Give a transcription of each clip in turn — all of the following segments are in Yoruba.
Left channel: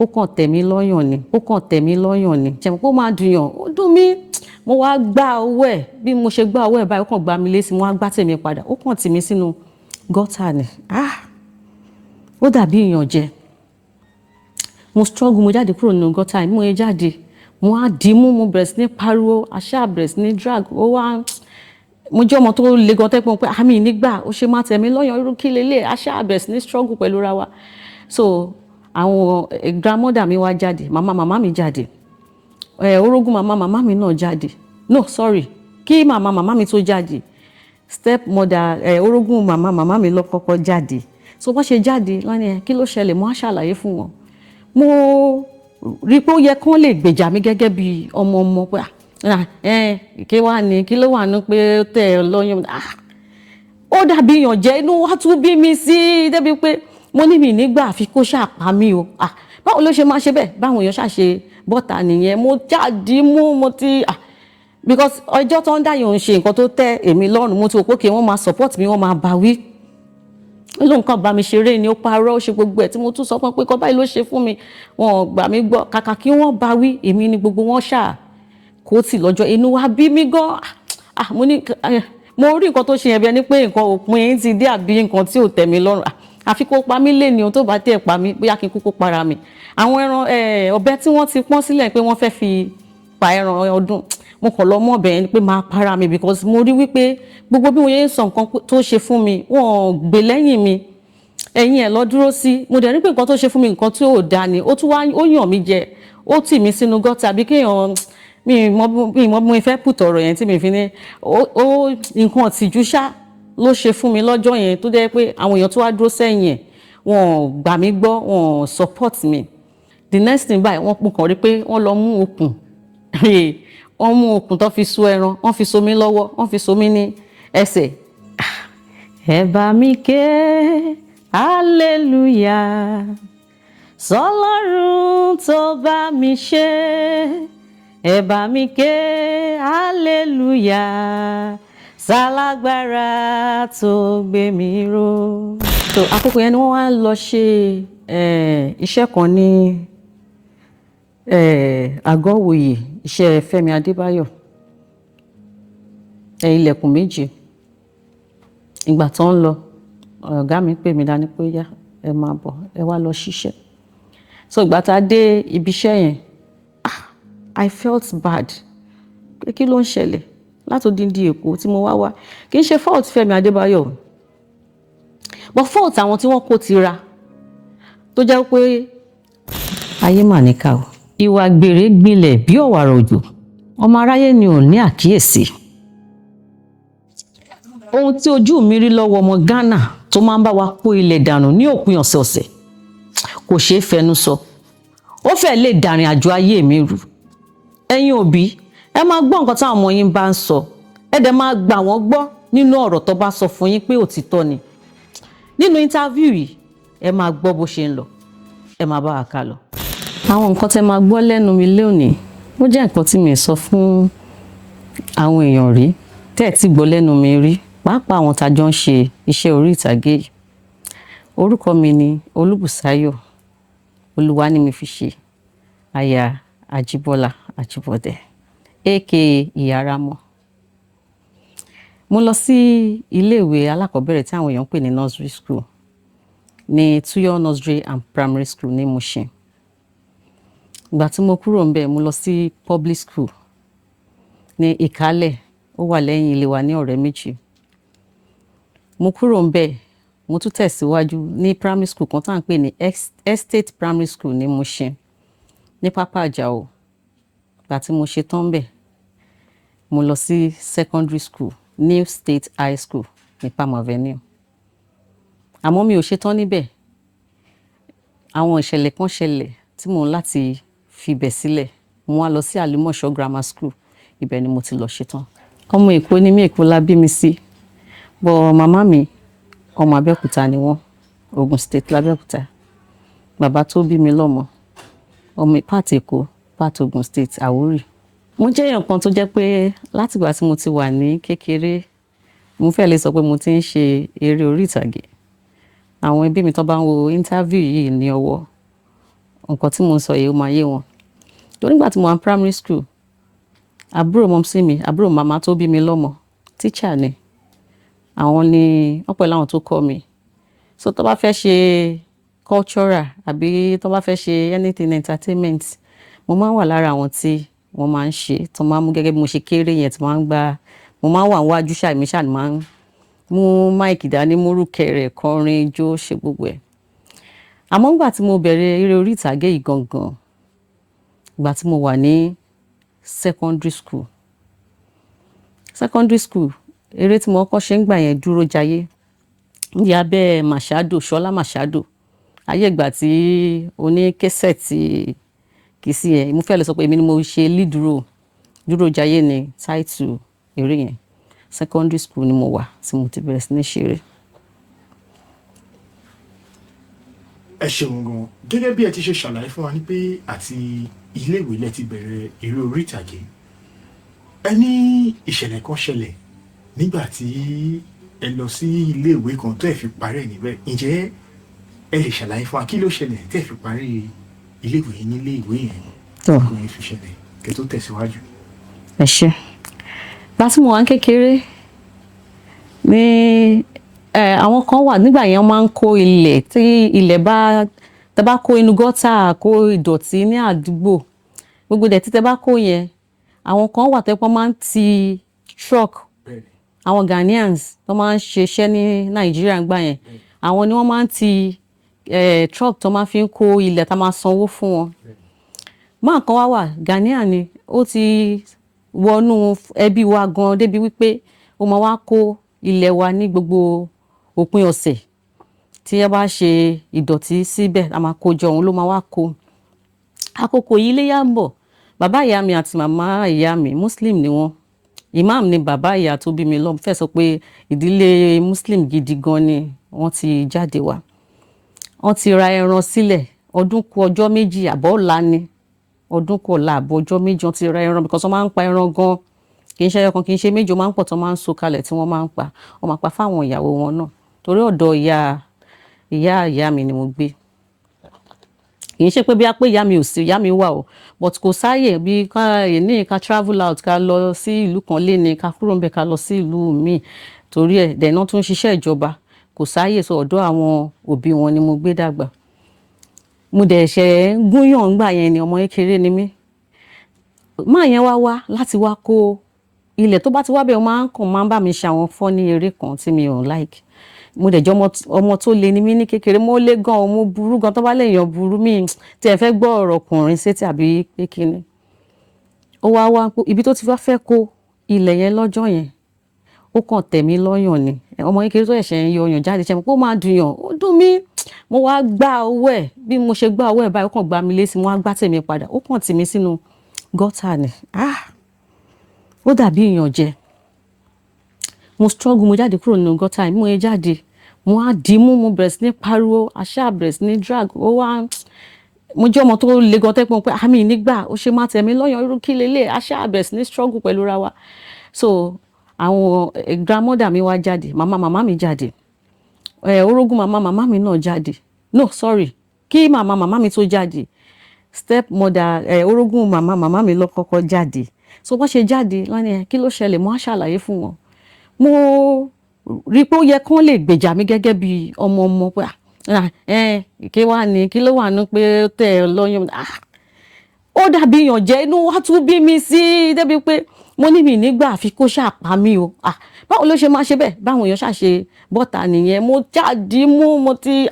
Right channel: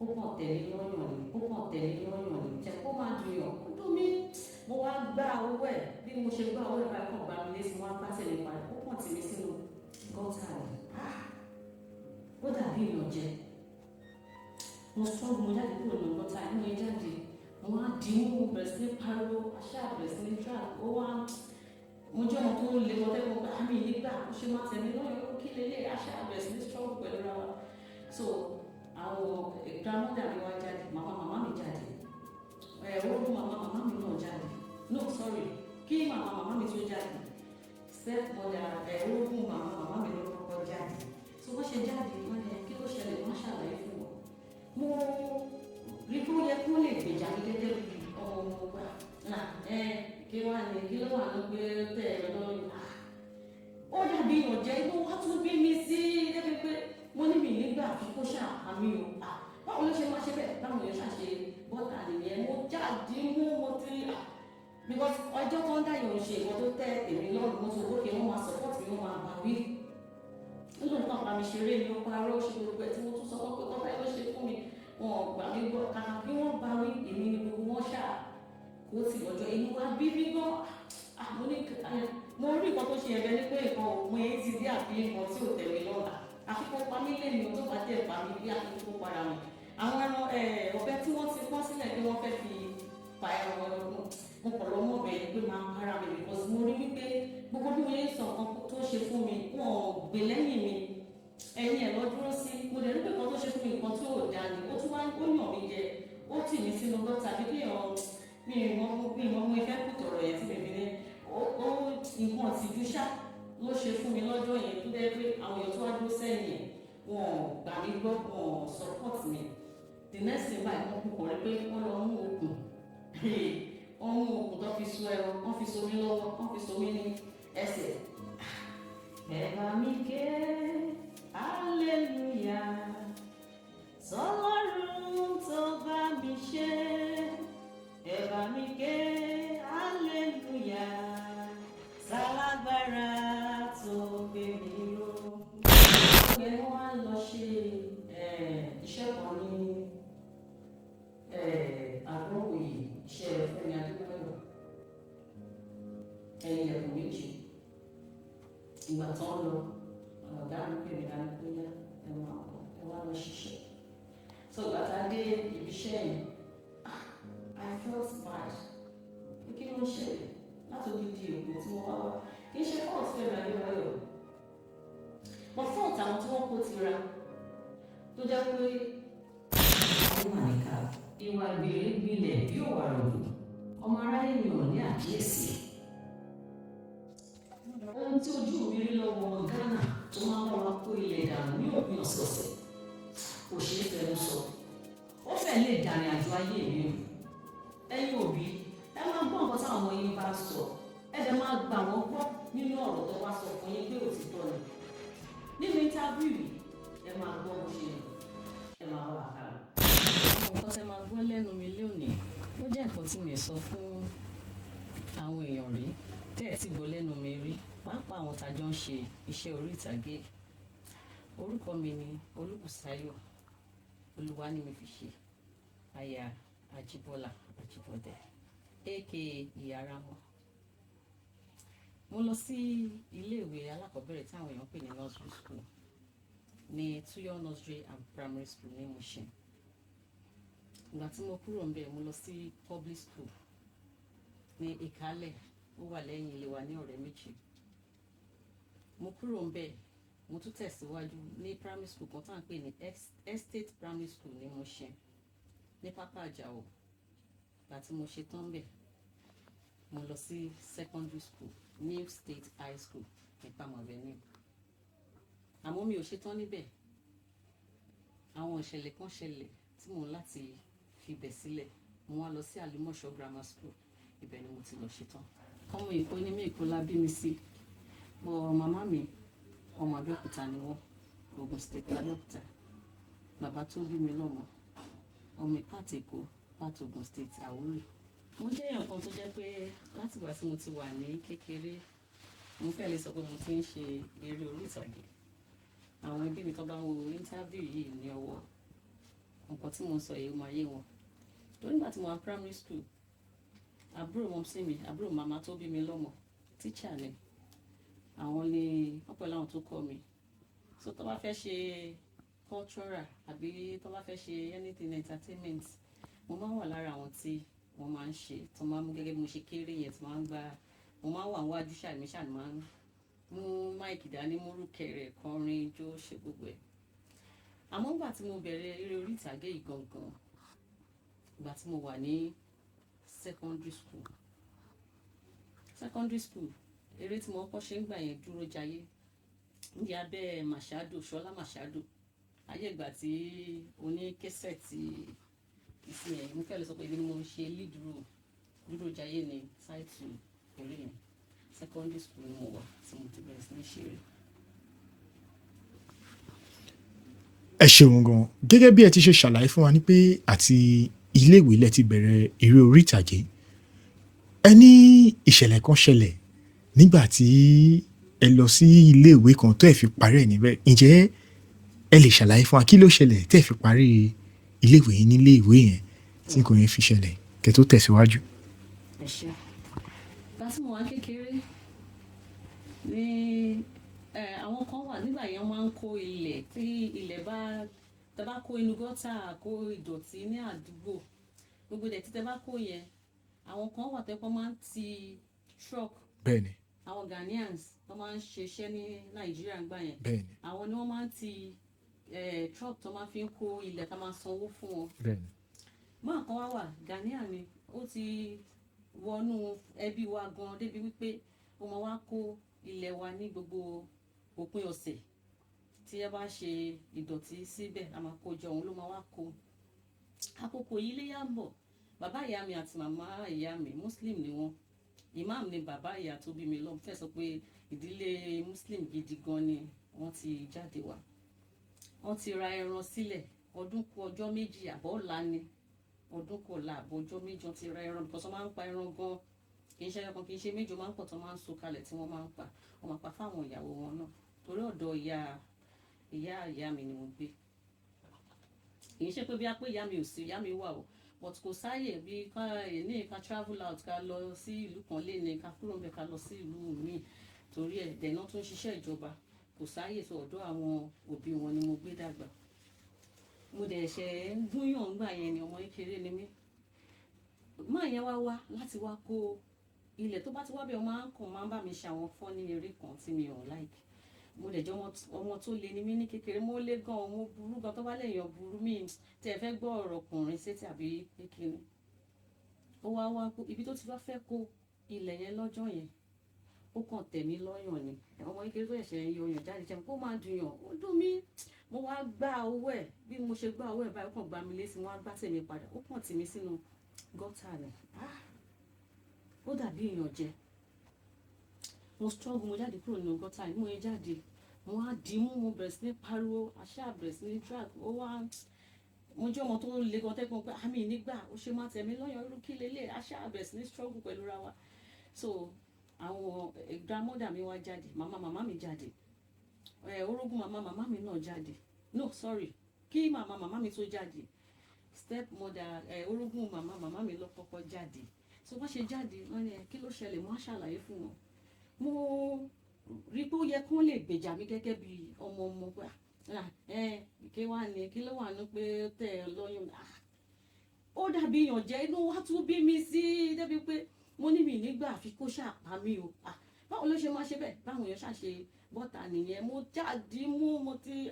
ó kàn tẹ̀ mí lọ́yàn ni ṣe mọ̀ pé ó máa dùnyàn ó dùn mí mo wá gbá owó ẹ̀ bí mo ṣe gbá owó ẹ̀ báyìí ó kàn gbá mi létí mo wá gbá tèmi padà ó kàn tì mí sínú gọ́tà ni ó dàbí ìyànjẹ mo struggle mo jáde kúrò nínú gọ́tà mo yẹ jáde mo á dì í mú mo bẹ̀rẹ̀ sí ní pariwo àṣà bẹ̀rẹ̀ sí ní drag ó wá mo jẹ́ ọmọ tó le gan tẹ́pọ̀ pé àmì nígbà ó ṣe máa tẹ̀ mí lọ́yàn irú kí lélẹ̀ àṣà bẹ̀rẹ̀ sí ní struggle pẹ̀lú ra wa so àwọn grandmother mi wá jáde màmá mi jáde orogún màmá mi náà jáde no sorry kí màmá mi tó jáde step mother orogún màmá mi lọ kọ́kọ́ jáde so wọ́n ṣe jáde wọ́n ní kí ló ṣẹlẹ̀ mo á ṣàlàyé fún wọn mo rí pé ó yẹ kán lè gbèjà mi gẹ́gẹ́ bí ọmọ pé kí wàá ní kí ló wà ní pé ó tẹ̀ ẹ́ lọ́yàn ó dàbí ìyànjẹ inú wa tún bí mi sí débi pé mo ní mi nígbà àfi kó ṣàpá mi o báwo ló ṣe máa ṣe bẹ́ẹ̀ báwọn èèyàn ṣàṣe bọ́ta nìyẹn mo jáde mú mo ti because ọjọ́ tó ń dáyọ̀ ń ṣe nǹkan tó tẹ́ èmi lọ́rùn mo ti rò pé kí wọ́n máa support mi wọ́n máa bá wí ló nǹkan bá mi ṣeré ni ó parọ́ ó ṣe gbogbo ẹ̀ tí mo tún sọ fún pé kọ́ báyìí ló ṣe fún mi wọn ò gbà mí gbọ́ kàkà kí wọ́n bá wí èmi ni gbogbo wọn ṣáà kó tì lọ́jọ́ inú wa bí mi gan mo ní mo rí nǹkan tó ṣe yẹn bí ẹni pé nǹkan òpin ti dé àbí nǹkan tí ò tẹ́ mi lọ́rùn àfi kó pa mí lé ní ohun tó bá tẹ̀ pa mí bóyá kí n kúkú para mi àwọn ẹran ọ̀bẹ tí wọ́n ti pọ́n sílẹ̀ pé wọ́n fẹ́ fi pa ẹran ọdún mo kàn lọ mọ́ ọ̀bẹ yẹn pé máa para mi because mo rí wípé gbogbo bí mo yẹn ń sọ nǹkan tó ṣe fún mi wọ́n gbé lẹ́yìn mi ẹ̀yìn ẹ̀ lọ dúró sí mo dẹ̀ rí pé nǹkan tó ṣe fún mi nǹkan tí ò dáa ni ó tún wá ó yàn mí jẹ ó tì mí sínú gọ́tà àbí kéèyàn mi mọ bí mo fẹ́ pùtọ̀ ọ̀rọ̀ yẹn tí mi fi ní ó nǹkan ọ̀tìjú ṣá ló ṣe fún mi lọ́jọ́ yẹn tó jẹ́ pé àwọn èèyàn tó wá dúró sẹ́yìn ẹ̀ wọ́n gbà mí gbọ́ wọ́n support mi the next thing báyìí wọ́n kàn rí pé wọ́n lọ mú okùn wọ́n mú okùn tó fi so ẹran wọ́n fi so mí lọ́wọ́ wọ́n fi so mí ní ẹsẹ̀ ẹ bá mi ké hallelujah sọ́lọ́run tó bá mi ṣe ẹ bá mi ké hallelujah sálágbára tó gbé mi ró. so àkókò yẹn ni wọ́n wá lọ ṣe iṣẹ́ kan ní àgọ́wòye iṣẹ́ Femi Adebayo ilẹ̀kùn méjì ìgbà tó ń lọ ọ̀gá mi pè mí dání pé yá ẹ máa bọ̀ ẹ wá lọ ṣiṣẹ́ so ìgbà tá a dé ibi iṣẹ́ yẹn I felt bad pé kí ló ń ṣẹlẹ̀ látòdìndí Èkó tí mo wá kì í ṣe fault Femi Adebayo but fault àwọn tí wọ́n kó tira tó jẹ́ pé ayé mà níkà o ìwà gbèrè gbilẹ̀ bí ọ̀wàrà òjò ọmọ aráyé ni ò ní àkíyèsí ohun tí ojú mi rí lọ́wọ́ ọmọ Ghana tó máa ń bá wa kó ilẹ̀ dànù ní òpin ọ̀sẹ̀ọ̀sẹ̀ kò ṣeé fẹnu sọ ó fẹ́ lè dàrin àjò ayé mi rú ẹ̀yin òbí ẹ máa gbọ́ nǹkan táwọn ọmọ yín bá ń sọ ẹ dẹ̀ máa gbà wọ́n gbọ́ nínú ọ̀rọ̀ tó bá sọ fún yín pé òtítọ́ ni nínú interview yìí ẹ máa gbọ́ bó ṣe ń lọ ẹ máa bá wa ká lọ. àwọn nǹkan tẹ́ máa gbọ́ lẹ́nu mi lónìí ó jẹ́ nǹkan tí mi sọ fún àwọn èèyàn rí tẹ́ ẹ̀ tí gbọ́ lẹ́nu mi rí pàápàá àwọn tá a jọ ń ṣe iṣẹ́ orí ìtàgé yìí orúkọ mi ni Busayo Olúwanímifíṣe aya Ajíbọ́lá Ajibode aka Hara. mo lọ sí iléèwé alákọ̀ọ́bẹ̀rẹ̀ tí àwọn èèyàn ń pè ní nursery school ní Tuyo nursery and primary school ní Mushin. ìgbà tí mo kúrò ńbẹ̀ mo lọ sí public school ní Ìkálẹ̀ ó wà lẹ́yìn ilé wa ní Ọ̀rẹ́ Méjì. mo kúrò ńbẹ̀ mo tún tẹ̀síwájú ní primary school kan tá à ń pè ní estate primary school ní Mushin ní Pápá Àjàó. ìgbà tí mo ṣe tán ńbẹ̀ mo lọ sí secondary school New State High School ní Palm Avenue. àmọ́ mi ò ṣe tán níbẹ̀ àwọn ìṣẹ̀lẹ̀ kan ṣẹlẹ̀ tí mo ń láti fibẹ̀ sílẹ̀ mo wá lọ sí Àlùmọ̀ṣọ́ Grammar School ibẹ̀ ni mo ti lọ ṣe tán. ọmọ Èkó ni mí, Èkó la bí mi sí bọ́ màmá mi ọmọ Abẹ́òkúta ni wọ́n, Ogun State l'Abẹ́òkúta. bàbá tó bí mi lọ́mọ ọmọ part Èkó part Ogun State Àwórì. mo jẹ́ èèyàn kan tó jẹ́ pé látìgbà tí mo ti wà ní kékeré mo fẹ́ lè sọ pé mo ti ń ṣe eré orí ìtàgé. àwọn ẹbí mi tó bá ń wo interview yìí ní ọwọ́ nǹkan tí mo ń sọ yìí ó máa yé wọn. Torí nígbà tí mo wà ní primary school, àbúrò mọ́mísí mi, àbúrò màmá tó bí mi lọ́mọ, teacher ni. Àwọn ni wọ́n pẹ̀lú àwọn tó kọ́ mi. So tó bá fẹ́ ṣe cultural àbí tó bá fẹ́ ṣe anything entertainment, mo máa ń wà lára àwọn tí wọ́n máa ń ṣe, tó máa ń mú gẹ́gẹ́ bí mo ṣe kéré yẹn, tí máa ń gba, mo máa ń wà níwájú ṣáà mi ṣáà ni máa ń mú máìkì dání, múrù kẹrẹ̀, kọrin, jó, ṣe gbogbo ẹ̀. Àmọ́ nígbà tí mo bẹ̀rẹ̀ eré orí ìtàgé yìí gangan, ìgbà tí mo wà ní secondary school. Eré tí mo kọ́kọ́ ṣe ń gbà yẹn dúró jayé. Ní abẹ́ Mashado, Ṣọlá Mashado. Ayé ìgbà tí oní késẹ̀tì kìsì yẹn, mo fẹ́ lè sọ pé èmi ni mo ṣe lead role. Dúró jayé ni title eré yẹn. Secondary school ni mo wà tí mo ti bẹ̀rẹ̀ sí ní ṣeré. Ẹ ṣeun gan. Gẹ́gẹ́ bí ẹ ti ṣe ṣàlàyé fún wa ní pé àti iléèwé lẹ ti bẹ̀rẹ̀ eré orí ìtàgé. Ẹ ní ìṣẹ̀lẹ̀ kan ṣẹlẹ̀ nígbà tí ẹ lọ sí iléèwé kan tó ẹ fi parí ẹ̀ níbẹ̀. Ǹjẹ́ ẹ lè ṣàlàyé fún wa kí ló ṣẹlẹ̀ tẹ́ ẹ fi parí iléèwé yín nílé ìwé yẹn tí kò yẹn fi ṣẹlẹ̀ kẹ́ tó tẹ̀síwájú? Ẹ ṣé. Ìgbà tí mo wà kékeré ní àwọn kan wà nígbà yẹn máa ń kó ilẹ̀, tí ilẹ̀ bá tẹ́ bá kó inú gọ́tà, kó ìdọ̀tí ní àdúgbò, gbogbo ìdọ̀tí tẹ́ bá kó yẹn, àwọn kan wà tẹ́ pé wọ́n máa ń ti truck. Bẹ́ẹ̀ni. Àwọn Ghanaians tó máa ń ṣiṣẹ́ ní Nàìjíríà ńgbà yẹn, àwọn ni wọ́n máa ń ti truck tó máa fi ń kó ilẹ̀ tá máa sanwó fún wọn. Máa kan wá wà, Ghanaian ni, ó ti wọnú ẹbí wa gan débi wípé ó máa wá kó ilẹ̀ wa ní gbogbo òpin ọ̀sẹ̀. Tí ẹ bá ṣe ìdọ̀tí síbẹ̀, a máa kó jọ, òun ló máa wá kó. Àkókò yìí Iléyá ń bọ̀. Bàbá ìyá mi àti màmá ìyá mi Muslim ni wọ́n. Imam ni bàbá ìyá tó bí mi lọ́mọ. Fẹ́ sọ pé ìdílé Muslim gidi gan ni wọ́n ti jáde wá. Wọ́n ti ra ẹran sílẹ̀, ọdún kù ọjọ́ méjì àbọ̀ ọ̀la ni. Ọdún kù ọ̀la àbọ̀ ọjọ́ méjì wọ́n ti ra ẹran, because wọ́n máa ń pa ẹran gan. Kì í ṣe ẹyọ kan, kì í ṣe méjì, ó máa ń pọ̀ tó máa ń so kalẹ̀ tí wọ́n máa ń pa. Wọ́n máa pa fáwọn ìyàwó wọn náà. Torí ọ̀dọ̀ ìyá mi ni mo gbé. Kì í ṣe pé bí a pé ìyá mi ò sí, ìyá mi wà o, but kò sáyè bí ká travel out, ká lọ sí ìlú kan léni, ká kúrò ńbẹ̀ ká lọ sí ìlú míì. Torí ẹ̀ dẹ̀ náà tún ṣiṣẹ́ ìjọba. Kò sáyè, so ọ̀dọ̀ àwọn òbí wọn ni mo gbé dàgbà. Mo dẹ̀ ṣẹ̀ ń gúnyàn ńgbà yẹn ni, ọmọ kékeré ni mí. Máa yẹn wá láti wá kó ilẹ̀, tó bá ti wá bẹ́ẹ̀ ó máa ń bá mi ṣe àwọn funny eré kan tí mi ò like. Mo dẹ̀ jẹ́ ọmọ tó le ni mí ní kékeré, mo le gan, mo burú gan, tó bá lèèyàn burú mi tí ẹ fẹ́ gbọ́ ọ̀rọ̀ ọkùnrin sétí àbí pé kíni. Ó wá ibi tó ti fẹ́ kó ilẹ̀ yẹn lọ́jọ́ yẹn, ó kàn tẹ̀ mí lọ́yàn ni. Ọmọ kékeré tó ẹ̀ṣẹ̀ ń yọ ọyàn jáde, ṣe mo pé ó máa dùn yàn, ó dùn mí. Mo wá gbá ọwọ́ ẹ̀, bí mo ṣe gbá ọwọ́ ẹ̀ báyìí ó kàn gbá mi létí, mo wá gbá tèmi padà, ó kàn tì mí sínú gọ́tà ni. Ó dàbí ìyànjẹ. Mo struggle, mo jáde kúrò nínú gọ́tà yìí, mo yẹ jáde, mo wá dìímú, mo bẹ̀rẹ̀ sí ní pariwo, àṣà bẹ̀rẹ̀ sí ní drag. Mo jẹ́ ọmọ tó le gan tẹ́pọ̀ pé àmì nígbà ó ṣe máa tẹ̀ mí lọ́yàn, irú kí lélẹ̀, àṣà bẹ̀rẹ̀ sí ní struggle pẹ̀lú ra wa. So àwọn grandmother mi wá jáde, màmá mi jáde, orogún màmá mi náà jáde. No, sorry, kí màmá mi tó jáde, stepmother orogún màmá mi ló kọ́kọ́ jáde. So wọ́n ṣe jáde lọ́nà kí ló ṣẹlẹ̀, mo á ṣàlàyé fún wọn. Mo rí pé ó yẹ kán lè gbèjà mi gẹ́gẹ́ bí ọmọ pé kí wá ní, kí ló wà ní pé tẹ̀ lọ́yàn. Ó dàbí ìyànjẹ, inú wa tún bí mi sí débi pé mo ní mi nígbà àfi kó ṣàpá mi o. Báwo ló ṣe máa ṣe bẹ́ẹ̀? Báwọn èèyàn ṣàṣe bọ́ta nìyẹn. Mo jáde mú, mo ti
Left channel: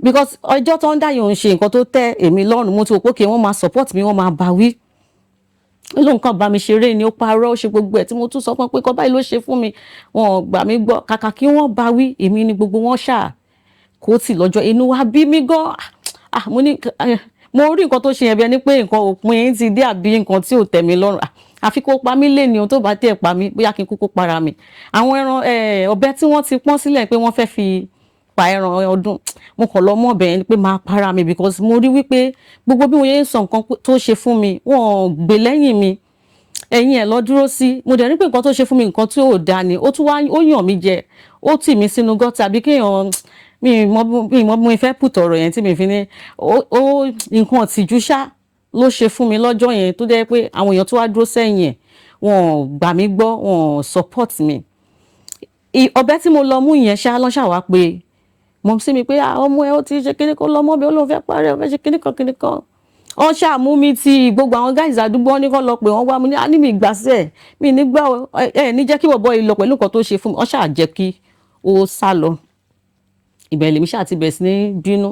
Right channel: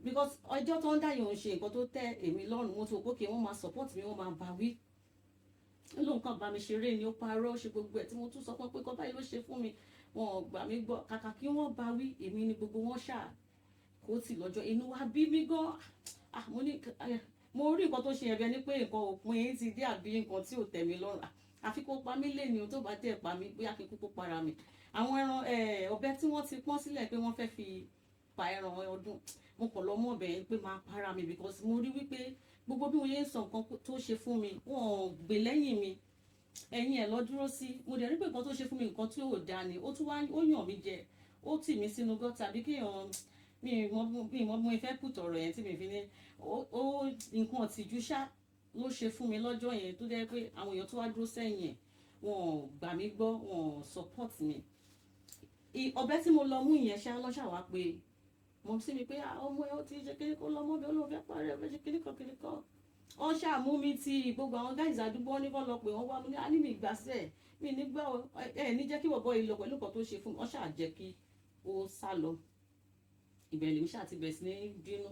because ọjọ́ tó ń dá yòó ń ṣe nǹkan tó tẹ́ èmi lọ́rùn, mo ti wò pé kí wọ́n máa support mi, wọ́n máa bá wí. Ló nǹkan bá mi ṣeré ni, ó parọ́, ó ṣe gbogbo ẹ̀ tí mo tún sọ fún pé kọ́ báyìí ló ṣe fún mi. Wọn ò gbà mí gbọ́, kàkà kí wọ́n bá wí, èmi ni gbogbo wọn ṣáà kó tì lọ́jọ́. Inú wa bí mi gan. Mo rí nǹkan tó ṣe yẹn bí ẹni pé nǹkan òpin ti dé àbí nǹkan tí ò tẹ́ mi lọ́rùn. Àfi kó pa mí lé ní ohun tó bá tẹ̀ pa mí, bóyá kí n kúkú para mi. Àwọn ẹran ọ̀bẹ tí wọ́n ti pọ́n sílẹ̀ pé wọ́n fẹ́ fi pa ẹran ọdún, mo kàn lọ mọ́ ọ̀bẹ yẹn pé máa para mi, because mo rí wípé gbogbo bí mo yẹ ń sọ nǹkan tó ṣe fún mi, wọ́n gbé lẹ́yìn mi. Ẹ̀yin ẹ̀ lọ dúró sí. Mo dẹ̀ rí pé nǹkan tó ṣe fún mi nǹkan tí ò dáa ni. Ó tún wá ó yàn mí jẹ, ó tì mí sínú gọ́tà bí kéèyàn mi mọ̀ bí mo fẹ́ put ọ̀rọ̀ yẹn tí mi fi ní ó nǹkan tìjú ṣá ló ṣe fún mi lọ́jọ́ yẹn tó jẹ́ pé àwọn èèyàn tó wá dúró sẹ́yìn ẹ̀ wọ́n gbà mí gbọ́, wọ́n support mi. Ọ̀bẹ tí mo lọ mú yẹn ṣá lọ́ṣà wá pé mọ̀ sí mi pé ọmọ ẹ ó ti ṣe kíní kan lọ́mọ bí ó lóun fẹ́ parí ó fẹ́ ṣe kíní kan. Wọ́n ṣàmú mi ti gbogbo àwọn guys àdúgbò ní kọ́ lọ pé wọ́n wá mu ní mi ìgbàsẹ̀ mi nígbà ẹ̀ ní jẹ́ kí bọ̀bọ̀ yìí lọ pẹ̀lú nǹkan tó ṣe fún mi. Wọ́n ṣáà jẹ́ kí ó sá lọ. Ibẹ̀ lèmi ṣáà ti bẹ̀rẹ̀ sí ní bínú.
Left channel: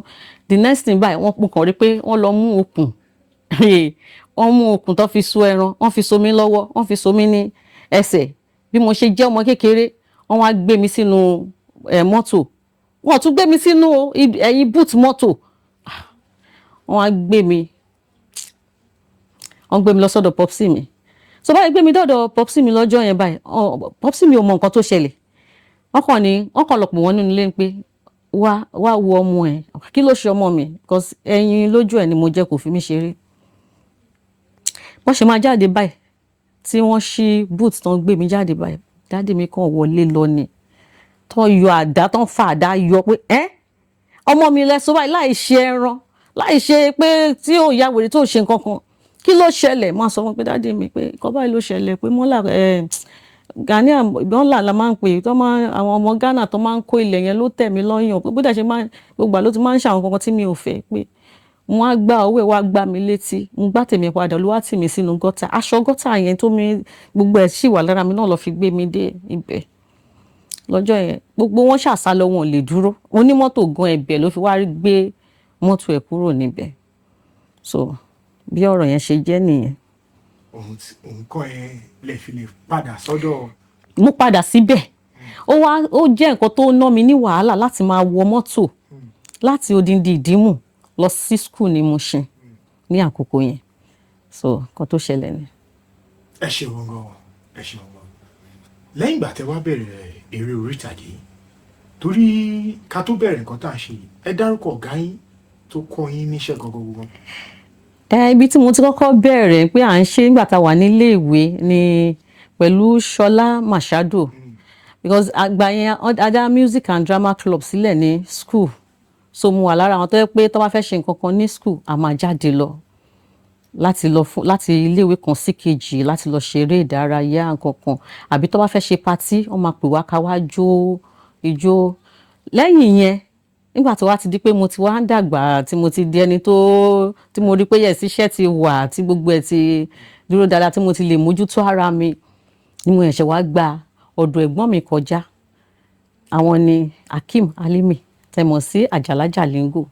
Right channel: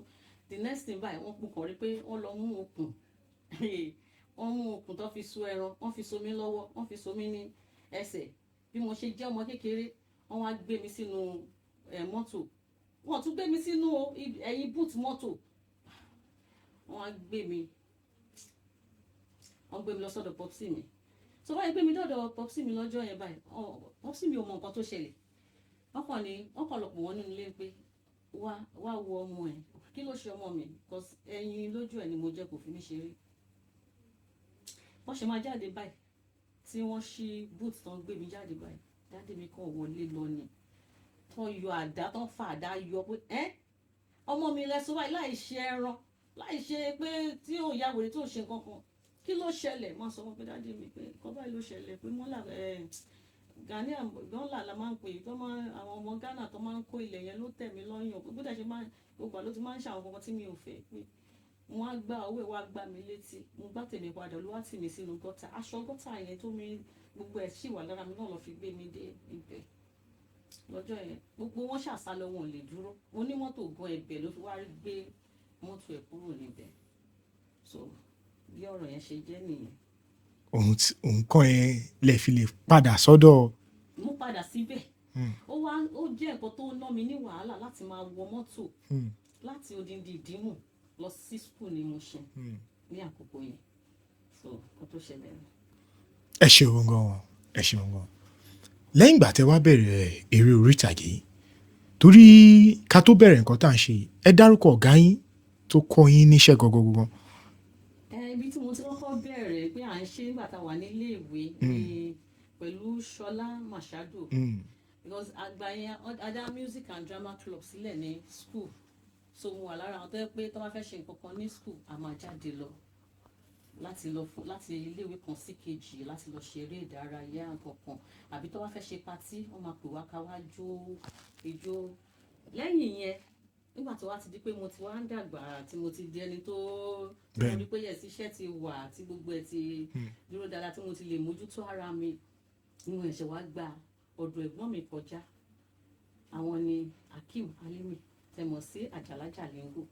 The next thing báyìí wọ́n kàn rí pé wọ́n lọ mú okùn. Wọ́n mú okùn tó fi so ẹran, wọ́n fi so mí lọ́wọ́, wọ́n fi so mí ní ẹsẹ̀. Bí mo ṣe jẹ́ ọmọ kékeré, wọ́n wá gbé mi sínú mọ́tò. Wọ́n tún gbé mi sínú ẹ̀yìn boot mọ́tò. Wọ́n wá gbé mi. Wọ́n gbé mi lọ sọ́dọ̀ popsi mi. So báyìí gbé mi dọ́dọ̀ popsi mi lọ́jọ́ yẹn báyìí. Popsi mi ò mọ nǹkan tó ṣẹlẹ̀. Wọ́n kàn lọ pè wọ́n nínú ilé pé wá wo ọmọ ẹ̀. Kí ló ṣe ọmọ mi? Because ẹyin lójú ẹ̀ ni mo jẹ́ kò fi mí ṣeré. Wọ́n ṣe máa jáde báyìí tí wọ́n ṣí boot tán gbé mi jáde báyìí. Daddy mi kàn wọlé lọ ni. Tán yọ àdá, tán fa àdá yọ pé ọmọ mi lẹ́sọ báyìí láì ṣe ẹran, láì ṣe pé tí ò ya wèrè tó ṣe nǹkan kan. Kí ló ṣẹlẹ̀? Máa sọ fún pé daddy mi pé nǹkan báyìí ló ṣẹlẹ̀ pé mọ́là Ghanaian mọ́là la máa ń pè àwọn ọmọ Ghana tó máa ń kó ilẹ̀ yẹn ló tẹ̀ mí lọ́yàn pé bó dẹ̀ ṣe gbogbo àló ti máa ń ṣe àwọn kankan tí mi ò fẹ́ pé wọ́n á gbá owó ẹ̀ wá gbá mi létí mo gbá tèmi padà ló wá tì mí sínú gọ́tà aṣọ gọ́tà yẹn tó mi gbogbo ẹ̀ sì wà lára mi náà lọ fi gbé mi dé ibẹ̀ lọ́jọ́ yẹn gbogbo wọn ṣàṣàlọ wọn ò lè dúró onímọ́tò gan ẹ̀bẹ̀ ló fi wá gbé mọ́tò ẹ̀ kúrò níbẹ̀ so bí ọ̀rọ̀ yẹn ṣe jẹ́ nìyẹn. òun kọ́ ẹ lè fi lè padà sọ́dọ̀. mo padà síbẹ̀ ó jẹ́ nǹkan tó ná mi ní wàhálà láti máa wọ mọ́tò láti odindi ìdímù lọ sí school ní Mushin ní àkókò yẹn so nǹkan tó ṣẹlẹ̀ ni. ẹ ṣeun gan lẹ́yìn ìgbà tẹ́ wá bẹ̀rẹ̀ eré orí ìtàgé torí ká tó bẹ̀rẹ̀ nǹkan tá à ń ṣe ẹ dárúkọ ọ̀gá yín tó kọ́ yín níṣẹ́ gangan. Ibi tí mo ti kọ́kọ́ bẹ̀rẹ̀ pé à ń ṣe nígbà tá a wà nílé ìwé ni pẹ̀lú Ṣọlá Machado because àgbà yẹn ada music and drama club sílẹ̀ ní school so mo wà lára àwọn tó yẹ pé tó bá fẹ́ ṣe nǹkan kan ní school a máa jáde lọ láti iléèwé kan sí kejì láti lọ ṣeré ìdárayá nǹkan kan àbí tó bá fẹ́ ṣe patí wọ́n máa pè wá ká wá jó ijó lẹ́yìn yẹn nígbà tó wá ti di pé mo ti wá ń dàgbà tí mo ti di ẹni tí mo rí pé yẹ̀sí iṣẹ́ ti wà tí gbogbo ẹ̀ ti dúró dáadáa tí mo ti lè mójútó ara mi ni mo ẹ̀ṣẹ̀ wá gba ọ̀dọ̀ ẹ̀gbọ́n mi kọjá àwọn ni Akeem Alimi tẹ̀mọ̀ sí Àjàlá Jalingo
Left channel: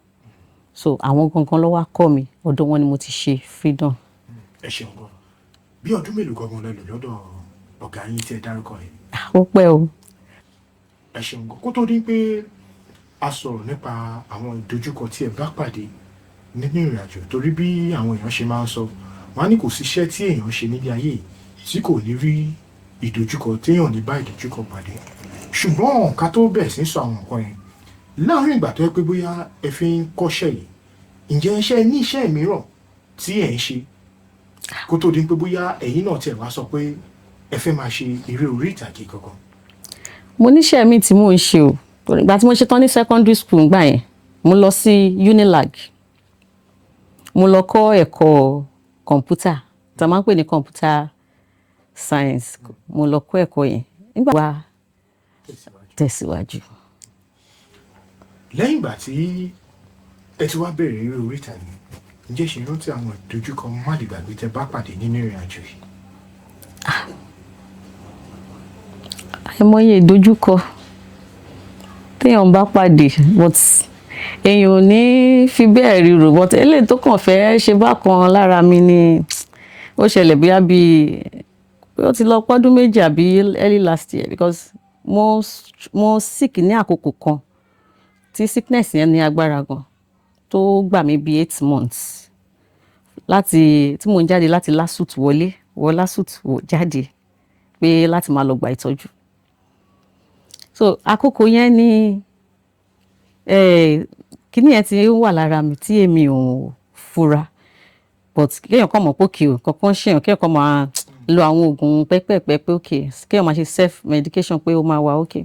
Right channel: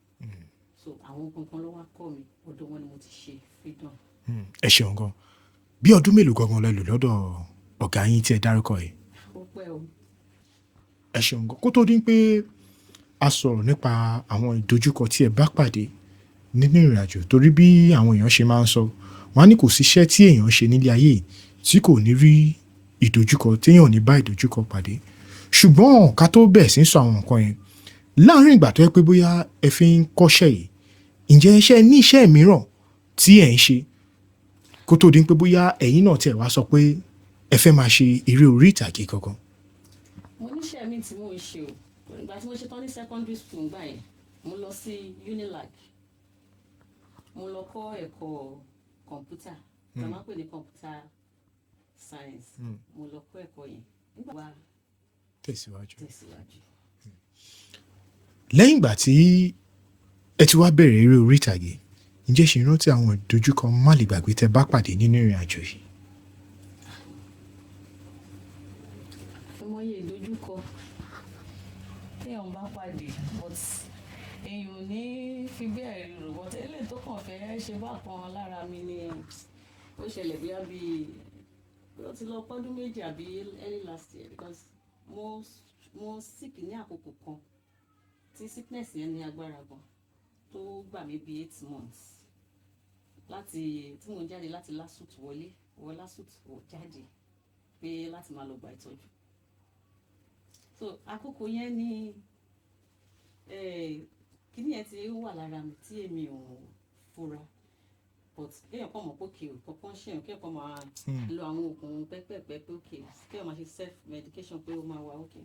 so àwọn gangan ló wá kọ́ mi ọ̀dọ̀ wọn ni mo ti ṣe freedom. ẹ ṣeun gan bí ọdún mélòó gangan lẹ lò lọ́dọ̀ ọ̀gá yín tí ẹ dárúkọ yìí. ó pẹ́ o. ẹ ṣeun gan kó tó dín pé a sọ̀rọ̀ nípa àwọn ìdojúkọ tí ẹ bá pàdé nínú ìrìn àjò torí bí àwọn èèyàn ṣe máa ń sọ wọn á ní kò síṣẹ́ tí èèyàn ṣe nílé ayé tí kò ní rí ìdojúkọ téèyàn ní bá ìdojúkọ pàdé ṣùgbọ́n ká tó bẹ̀ sí sọ àwọn nǹkan yẹn láàárín ìgbà tó yẹ pé bóyá ẹ fi ń kọ́ṣẹ́ yìí ǹjẹ́ iṣẹ́ ní iṣẹ́ mìíràn tí ẹ̀ ń ṣe kó tó dín pé bóyá ẹ̀yin náà tiẹ̀ wá sọ pé ẹ fẹ́ máa ṣe eré orí ìtàgé kankan. mo níṣẹ́ mi tí mò ń ṣe o ìgbà tí mo ṣe tán ní secondary school gbà yẹn mo lọ sí Unilag mo lọ kọ́ ẹ̀kọ́ kọ̀ǹpútà tí a máa ń pè ní computer science mo lọ kọ́ ẹ̀kọ́ yẹn nígbà wá tẹ̀síwájú. lẹ́yìn ìgbà tí ẹ ti wá bẹ̀rẹ̀ eré orí ìtàgé ǹjẹ́ ṣe rántí àwọn ìdojúkọ má lè gbàgbé tẹ́ bá pàdé nínú ìrìn àjò yìí. àìmọye ìdojúkọ téèyàn bá pàdé but èèyàn ò ní fi bẹ́ẹ̀ ríro but eléyìí tó kàn fẹ́ ṣe bákan lára mi ni ó ṣẹlẹ̀ bóyá bíi ó ti lọ pọ́dún méjì àbí early last year because mo sick ní àkókò kan tí sickness yẹn ní agbára gan tó gbà mí bíi 8 months tí mo ń jáde láti LASUT wọ LASUT jáde pé láti máa lọ gba ìtọ́jú so àkókò yẹn ni kíní yẹn ti wà lára mi tí èmi ò fura but kéèyàn kàn mọ̀ pé òkè o kankan ṣèyàn kéèyàn kàn máa lo àwọn oògùn pẹ́pẹ́pẹ́ pé òkè kéèyàn máa ṣe self medication pé ó máa wà òkè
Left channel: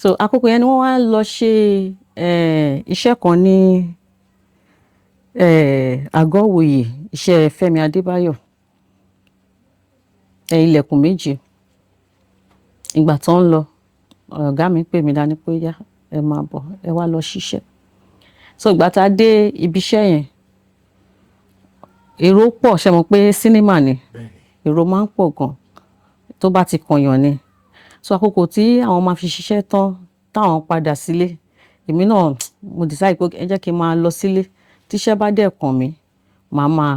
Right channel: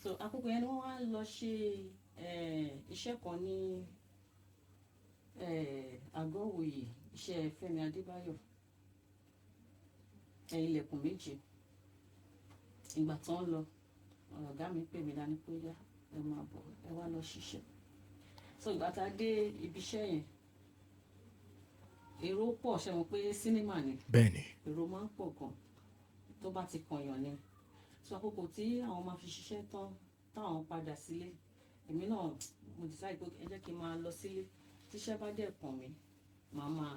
so àkókò yẹn ni wọ́n wá lọ ṣe iṣẹ́ kan ní àgọ́ òwòye iṣẹ́ Fẹ́mi Adébáyọ̀ ilẹ̀kùn méjì. Ìgbà tó ń lọ ọ̀gá mi pè mí dání pé yá ẹ máa bọ̀ ẹ wá lọ ṣiṣẹ́. So ìgbà tá a dé ibi iṣẹ́ yẹn èrò pọ̀ ṣe mọ̀ pé sínímà ni èrò máa ń pọ̀ gan tó bá ti kànyàn ni. So àkókò tí àwọn máa fi ṣiṣẹ́ tán táwọn padà sílé èmi náà mo decide pé ẹ jẹ́ kí n máa lọ sílé tíṣẹ́ bá dẹ̀ kàn mí màá máa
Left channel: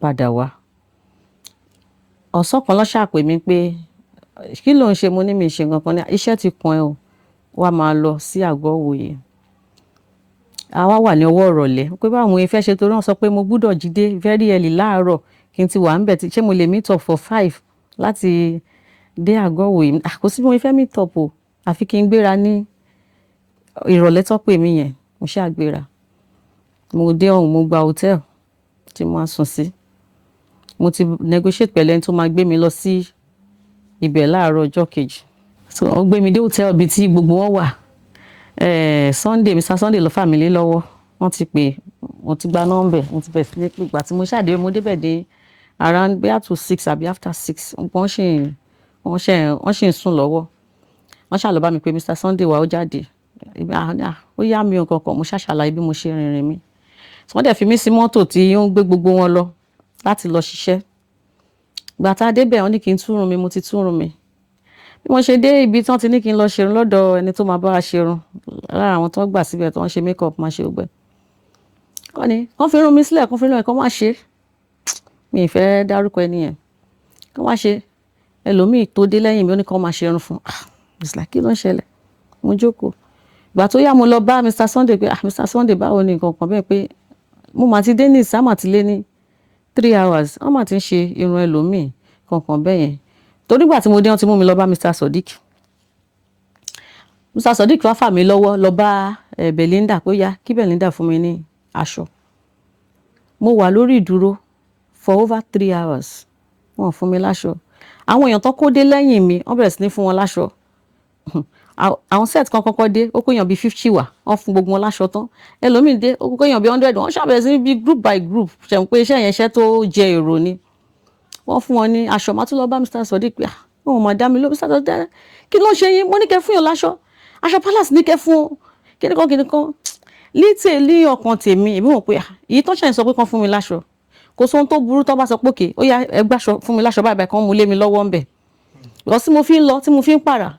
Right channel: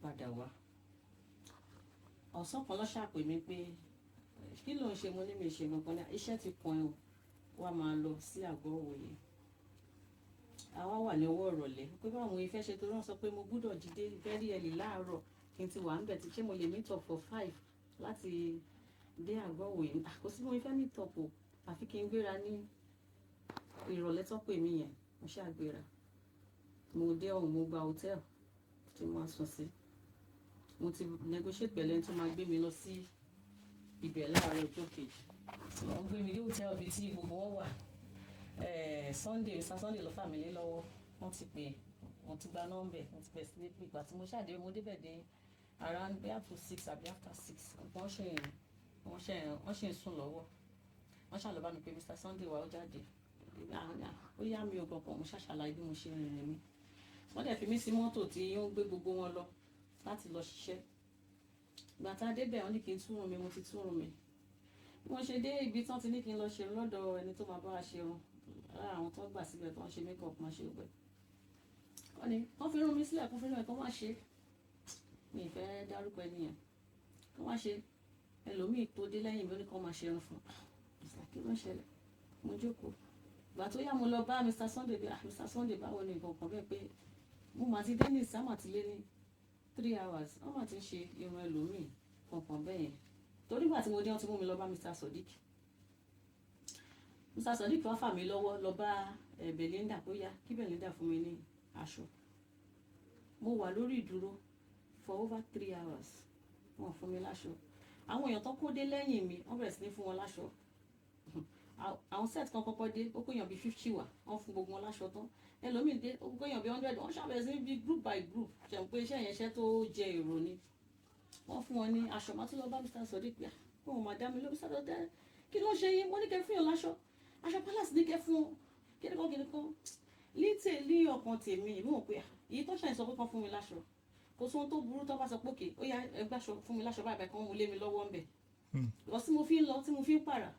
padà wá. Ọ̀sán kan ló ṣàpè mí pé kí ló ń ṣe, mo ní mi ṣe nǹkan kan ní iṣẹ́ ti kàn ẹ́ o wá máa lọ sí àgọ́ òwòye. Àwa wà ní ọwọ́ ìrọ̀lẹ́ pé báwo mo fẹ́ ṣe torí wọ́n sọ pé mo gbúdọ̀ jí dé very early láàárọ̀ kí n ti wà ń bẹ̀ ṣé mo lè meet up for 5 láti dé àgọ́ òwòye. Kò sí bí mo fẹ́ meet up o àfi kí n gbéra ní ìrọ̀lẹ́ tó pè mí yẹn mo ṣáà gbéra. Mo dé ọ̀hún mo gba hotel tí mo máa sùn sí. Mo ti negotiate pẹ̀lú ẹni tó máa gbé mi lọ sí ibẹ̀ láàárọ̀ ọjọ́ kejì. So wọ́n gbé mi dé hotel ibi tí gbogbo wọn wà. Sunday Mr. Sunday ló fà mí lé lọ́wọ́ wọ́n ti pè mo ti gba nọ́mbẹ̀ mo ti bẹ̀rẹ̀ sí ní pé ìgbà tí mo ṣàdé mo débẹ̀ dé around bóyá to 6 àbí after 6 wọ́n ṣì ń sùn lọ́wọ́. Wọ́n ṣà lọ bá mi pé Mr. Sunday wà ó jáde ó yá mi ò kankan mo ṣàṣàlàyé bí mo ṣe rìnrìn mi. Wọ́n dẹ̀ fi mí sí mọ́tò tí ó ń gbé gbogbo wọn lọ láti lọ ṣiṣẹ́. Ìgbà tá a débẹ̀ wọ́n ní kí n túrun mi mo ti túrun mi. Bí mo ṣe dé ibi tí wọ́n ti ní kí n lọ ṣerun lọ́dọ̀ ẹni tó máa bá wa ṣerun lára àwọn tó ń gbà síbẹ̀ tó ń ṣe make up máa ṣe gbẹ. Wọ́n ní kán fi irun mi sílẹ̀ kán fi irun ẹ̀ kán má ṣe. Mi ì fẹ́ dárúkọ ẹni yẹn. Kán má ṣe ẹlòmíì tó dé lẹ́yìn mi ó ní kán máa ṣerun fún. It's like kí ló ń ṣẹlẹ̀? Mo jókòó. Ìgbà tó yá mo lọ bá Mr. Sunday pé Mr. Sunday báwo ni nǹkan kan bẹ́ẹ̀ pé mo máa ti dé ní ìsámà ti lé ní 3 hours wọ́n máa ti ń ṣe irun ẹlòmíì kankan bẹ́ẹ̀ yẹn. Torí ìgbà tí mo dé wọ́n ti mú mi lọ bá Mr. Sodiq. Mr. Sodiq wá fà mí lọ́wọ́ lọ bá Belinda pé yá kí Belinda fún mi ní aṣọ. Mo wà lórí ìdúró for over 3 hours wọ́n fún mi láṣọ. Àwọn èèyàn tó kó dé lẹ́yìn mi wọ́n bẹ̀rẹ̀ sí ní fún wọn láṣọ. Àwọn set kan kọ́kọ́ dé ó kó èèyàn bí 50 wá wọ́n fún gbogbo wọn láṣọ tán. Ẹlòmíì dé ó kó èèyàn bí 100 wọ́n ṣàbẹ̀rẹ̀ sí ní bí group by group ṣe mọ̀ pé iṣẹ́ yẹn iṣẹ́ tó jẹ èrò ni. Wọ́n fún wọn ní aṣọ máa tún lọ bá Mr. Sodiq pé wọn máa dá mi ló Mr. Sodiq kí ló ń ṣe yín mo ní kẹ́ fún yàn láṣọ aṣọ palace ní kẹ́ fún kíníkan lítè lé ọkàn tèmi èmi mọ̀ pé èyí tó ṣàyìn sọ pé kán fún mi láṣọ kò sóhun tó burú tó bá sọ pé òkè ó yá ẹ gbàṣọ fún mi láṣọ báyìí kan mú lé mi lọ́wọ́ ń bẹ̀. lọ sí mo fi ń lọ tí mo fi ń pààrà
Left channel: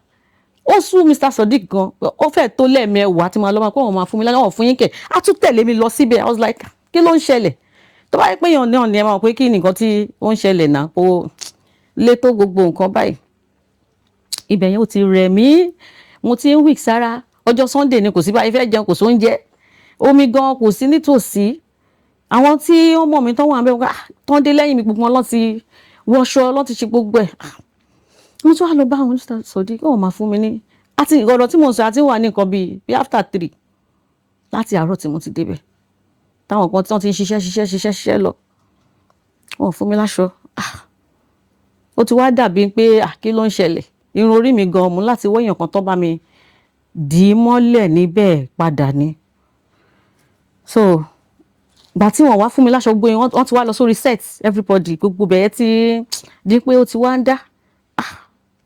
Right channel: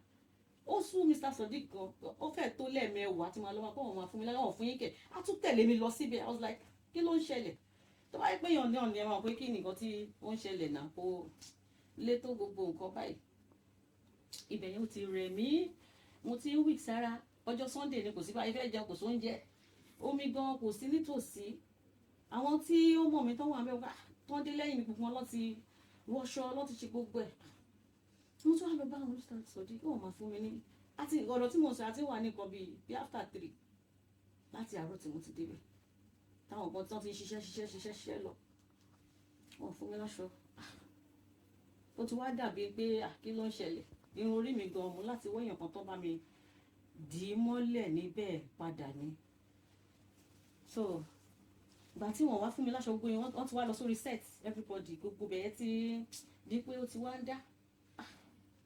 ó sú Mr. Sodiq gan ó fẹ́ tó lẹ́ẹ̀mẹwàá tí mo lọ máa pé wọ́n máa fún mi láṣọ fún yín kẹ̀ á tún tẹ̀lé mi lọ síbẹ̀ I was like kí ló ń ṣẹlẹ̀ tó bá yẹ pé èèyàn náà ni ẹ máa pé kí nìkan tí ó ń ṣẹlẹ̀ náà kó lé tó gbogbo nǹkan báyìí. Ibẹ̀ yẹn ó ti rẹ̀ mí mo ti ń weak sára ọjọ́ Sunday ni kò sí báyìí fẹ́ jẹun kò sóúnjẹ omi gan kò sí nítòsí àwọn tí wọ́n mọ̀ mí tán wà ń bẹ̀ tán dé lẹ́yìn mi gbogbo wọn lọ́n ti wọṣọ lọ́n ti ṣe gbogbo ẹ̀. Mo tún wá lọ bá àwọn Mr. Sodiq wọ́n máa fún mi ní àti ìgbọ́dọ̀ tí mo sọ àti wà ní nǹkan bíi after 3 láti àárọ̀ tí mo ti débẹ̀ táwọn kan tí wọ́n ti ń ṣiṣẹ́ lọ wọ́n fún mi láṣọ. Ó ti wá dàbí pé kí ló ń ṣẹlẹ̀ irun orí mi gan mú láti wọ́yàn kan tó bá mi dì í mọ́lẹ̀ níbẹ̀ padà ni. So gbà tí wọ́n wá fún mi láṣọ gbóyin wọ́n ti wá lọ sórí set everybody gbogbo bẹ̀yẹ ti di pé ó ti wá ń dá.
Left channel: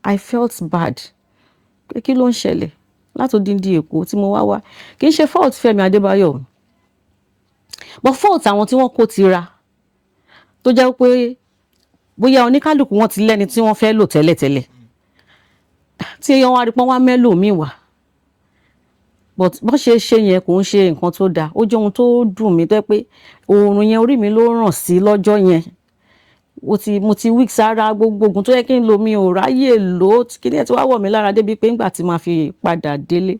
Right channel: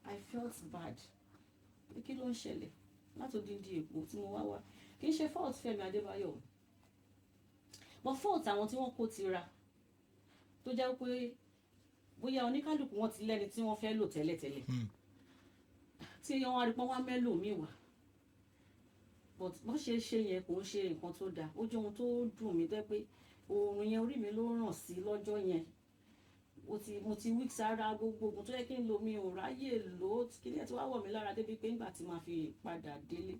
I felt bad pé kí ló ń ṣẹlẹ̀ látòdìndín Èkó tí mo wá kì í ṣe fault Fẹ́mi Adébáyọ̀ but fault àwọn tí wọ́n kó ti ra tó jẹ́ pé bóyá oníkálùkù wọn ti lẹ́ni tí wọ́n fẹ́ lò tẹ́lẹ̀tẹ́lẹ̀ tí wọ́n wá rí pọ́n wá mẹ́lò míì wá but bó ṣe ṣe yẹn kò ń ṣe nǹkan tó dáa ó jẹ́ ohun tó dùn mí tó pé oòrùn yẹn orí mi ló ràn sí lọ́jọ́ yẹn mo ti weak sára gbogbo oògùn tó yẹ kí n lo mi ò ráyè lò ó kí ni ẹ ti wá wọ̀ mí lára débi pé ńgbà tí màá fi padà délé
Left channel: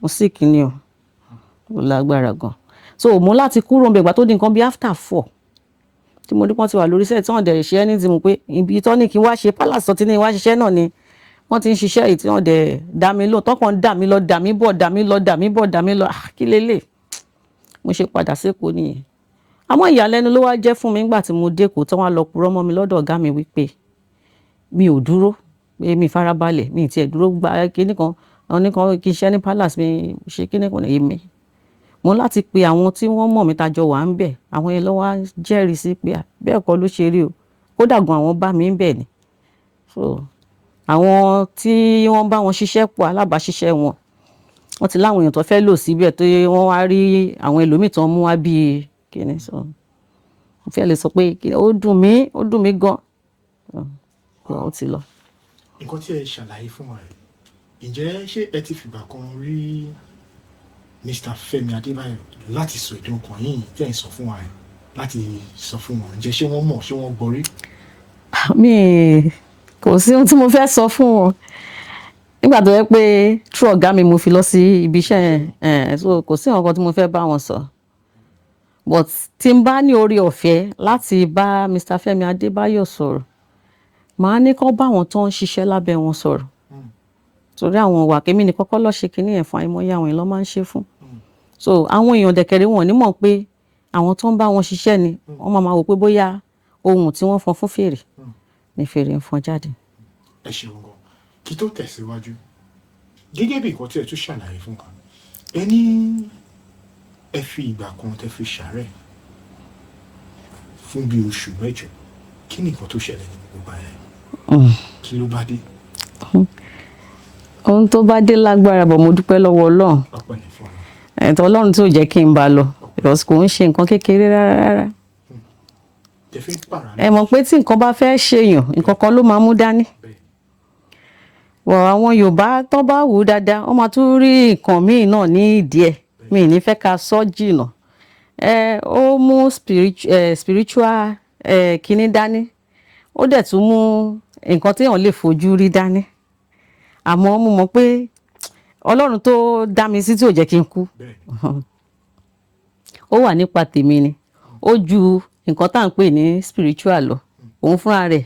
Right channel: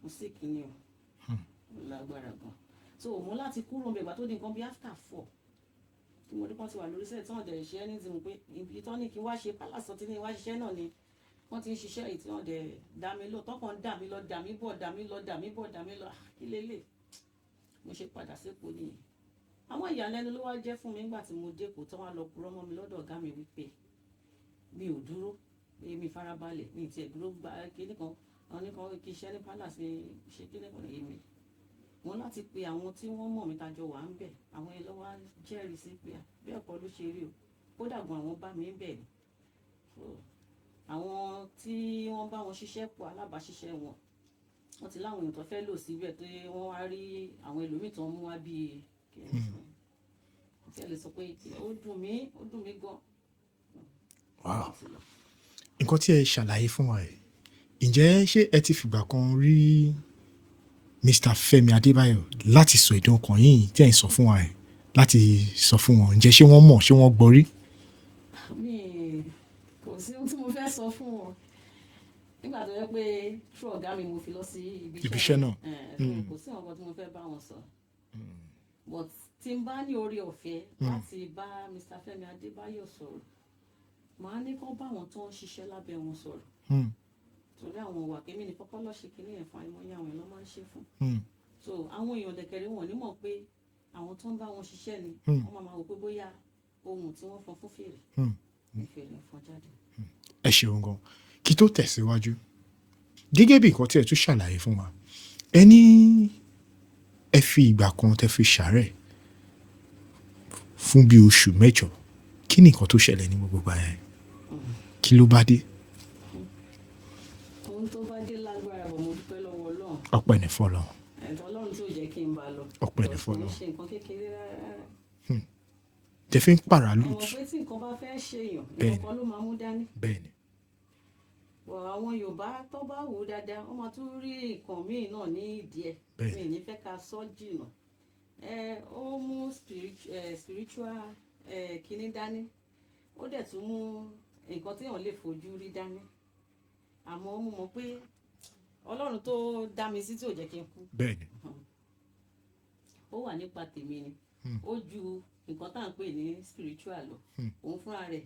mo sick ni o ó lágbára gan so mo láti kúrò níbẹ̀ ìgbà tó di nǹkan bí after 4 tí mo dípọ́n ti wà lórí set tí wọ́n dẹ̀ ṣe ẹni tí mo pé ibi tó ní kí n wá ṣe palace tí ní wá ṣiṣẹ́ náà ni wọ́n ti ń ṣiṣẹ́ yìí tí wọ́n dẹ̀ dá mi lò tọ́kàn dà mí lọ dà mí bọ̀ kí lélẹ̀ mo ṣe padà sékòó nìyẹn. Àmọ́ ìyàlẹ́nu ló wá jẹ́ fún mi nígbà tí mo dẹ́kòó tí wọ́n lọ purọ́ mọ́ mi lọ́dọ̀ ọ̀gá mi wípé mi ò dúró pé mi farabalẹ̀ mi tiẹ̀ dúró gba kíní kan àwọn nìkan kí iṣẹ́ ní palace mi ṣe kíní kan èmi mo láti pe àwọn tí wọ́n mọ̀ mi tajọ wà ń bẹ̀ àwọn yẹn lọ́wọ́ jẹ́rìí sí pé bẹ́ẹ̀ kọ́ ló ṣe rí o kódà gan àwọn bá mi ń bẹ̀ ni so àwọn tí wọ́n bá wọn ṣiṣẹ́ pọ̀ alábàáṣiṣẹ́ wọn wọ́n ti láwọn èèyàn tó fẹ́ lò síbẹ̀ tó wọ́n wá rí àwọn ẹlòmíì tó ń mú wá bíi kíni so mo fẹ́ lè sọ pé ó dùn mí gan ó ti lọ. nǹkan tí ẹ ṣàlàyé fún wa ǹjẹ́ ṣé ẹ ti fìgbà kan rí Mr. Femi Adebayo láti sọ ìdùn ọkàn yìí tí ẹ ń sọ fún wa láti sọ fún wọn ǹjẹ́ ṣé wọ́n mọ̀ ṣé wọ́n gbọ́ rí. mi kò sí ohun tí mo fẹ́ sọ fún wọn nígbà tó yẹ pé true ọ̀gá mi mo fi lọ sí ibi iṣẹ́ yẹn so kò sí nǹkan tí mo fẹ́ bá wọn sọ but tí n bá ní orí ọ̀fẹ́ láti bá Mr. Femi Adebayo sọ̀rọ̀ màá ní kó bá àwọn tó ń ṣiṣẹ́ lábẹ́ wọn sọ̀rọ̀ torí àwọn ìwà kémi ní kọ́kọ́ lọ́ọ́ ṣe kínní ẹ̀fọn àìmọye àwọn èèyàn ló máa ń ṣe fún so àwọn èèyàn dẹ̀kẹ̀rẹ̀ wọn ò ní mọ̀ pé àwọn tó ń bá wọn ṣiṣẹ́ ni wọ́n máa wò pé bóyá ohun tí wọ́n fọn fún fèrè ni fèrè ń fọn jáde. ẹ ṣeun gan kí tó tẹ̀síwájú gẹ́gẹ́ bí nǹkan tí ẹ tún ṣàlàyé fún wa ẹ ní ẹ fi ìgbà kan tẹ fi ṣàárẹ̀ fún bí oṣù 8 kí ni nǹkan tó ṣẹlẹ̀ ní gbogbo ayé kí ló bá dé. ohun tó bá dé lágbára bọ̀ mo dúpẹ́ lọ́wọ́ Ọlọ́run ọpẹ́ ní fọlọ́ ẹ̀tọ́ Ọlọ́run tó jẹ́ kí n bá lọ because kò ń ṣe nǹkan kékeré rárá. tẹ fi ń pààrà lọ. ẹ mọ̀ pé tí nǹkan bá fẹ́ ṣèyàn nǹkan kan ló máa mú dání. wọ̀ àwọn Yorùbá tó bá wù ú dáadáa wọ́n máa tún rí nǹkan míì náà ní ìdí ẹ̀ mi ní fẹ́ ká sọ jìnnà ó mú spiritual kíní dání ó dẹ̀ tún mú nǹkan téèyàn lè fojú rí dání àmọ́ mo mọ̀ pé Ọlọ́run tó dá mi sí tí ò jẹ́ kí n kú ó wà nípa tèmi ni ó ju nǹkan tá à ń pè ní spiritual lọ òun fúnra rẹ̀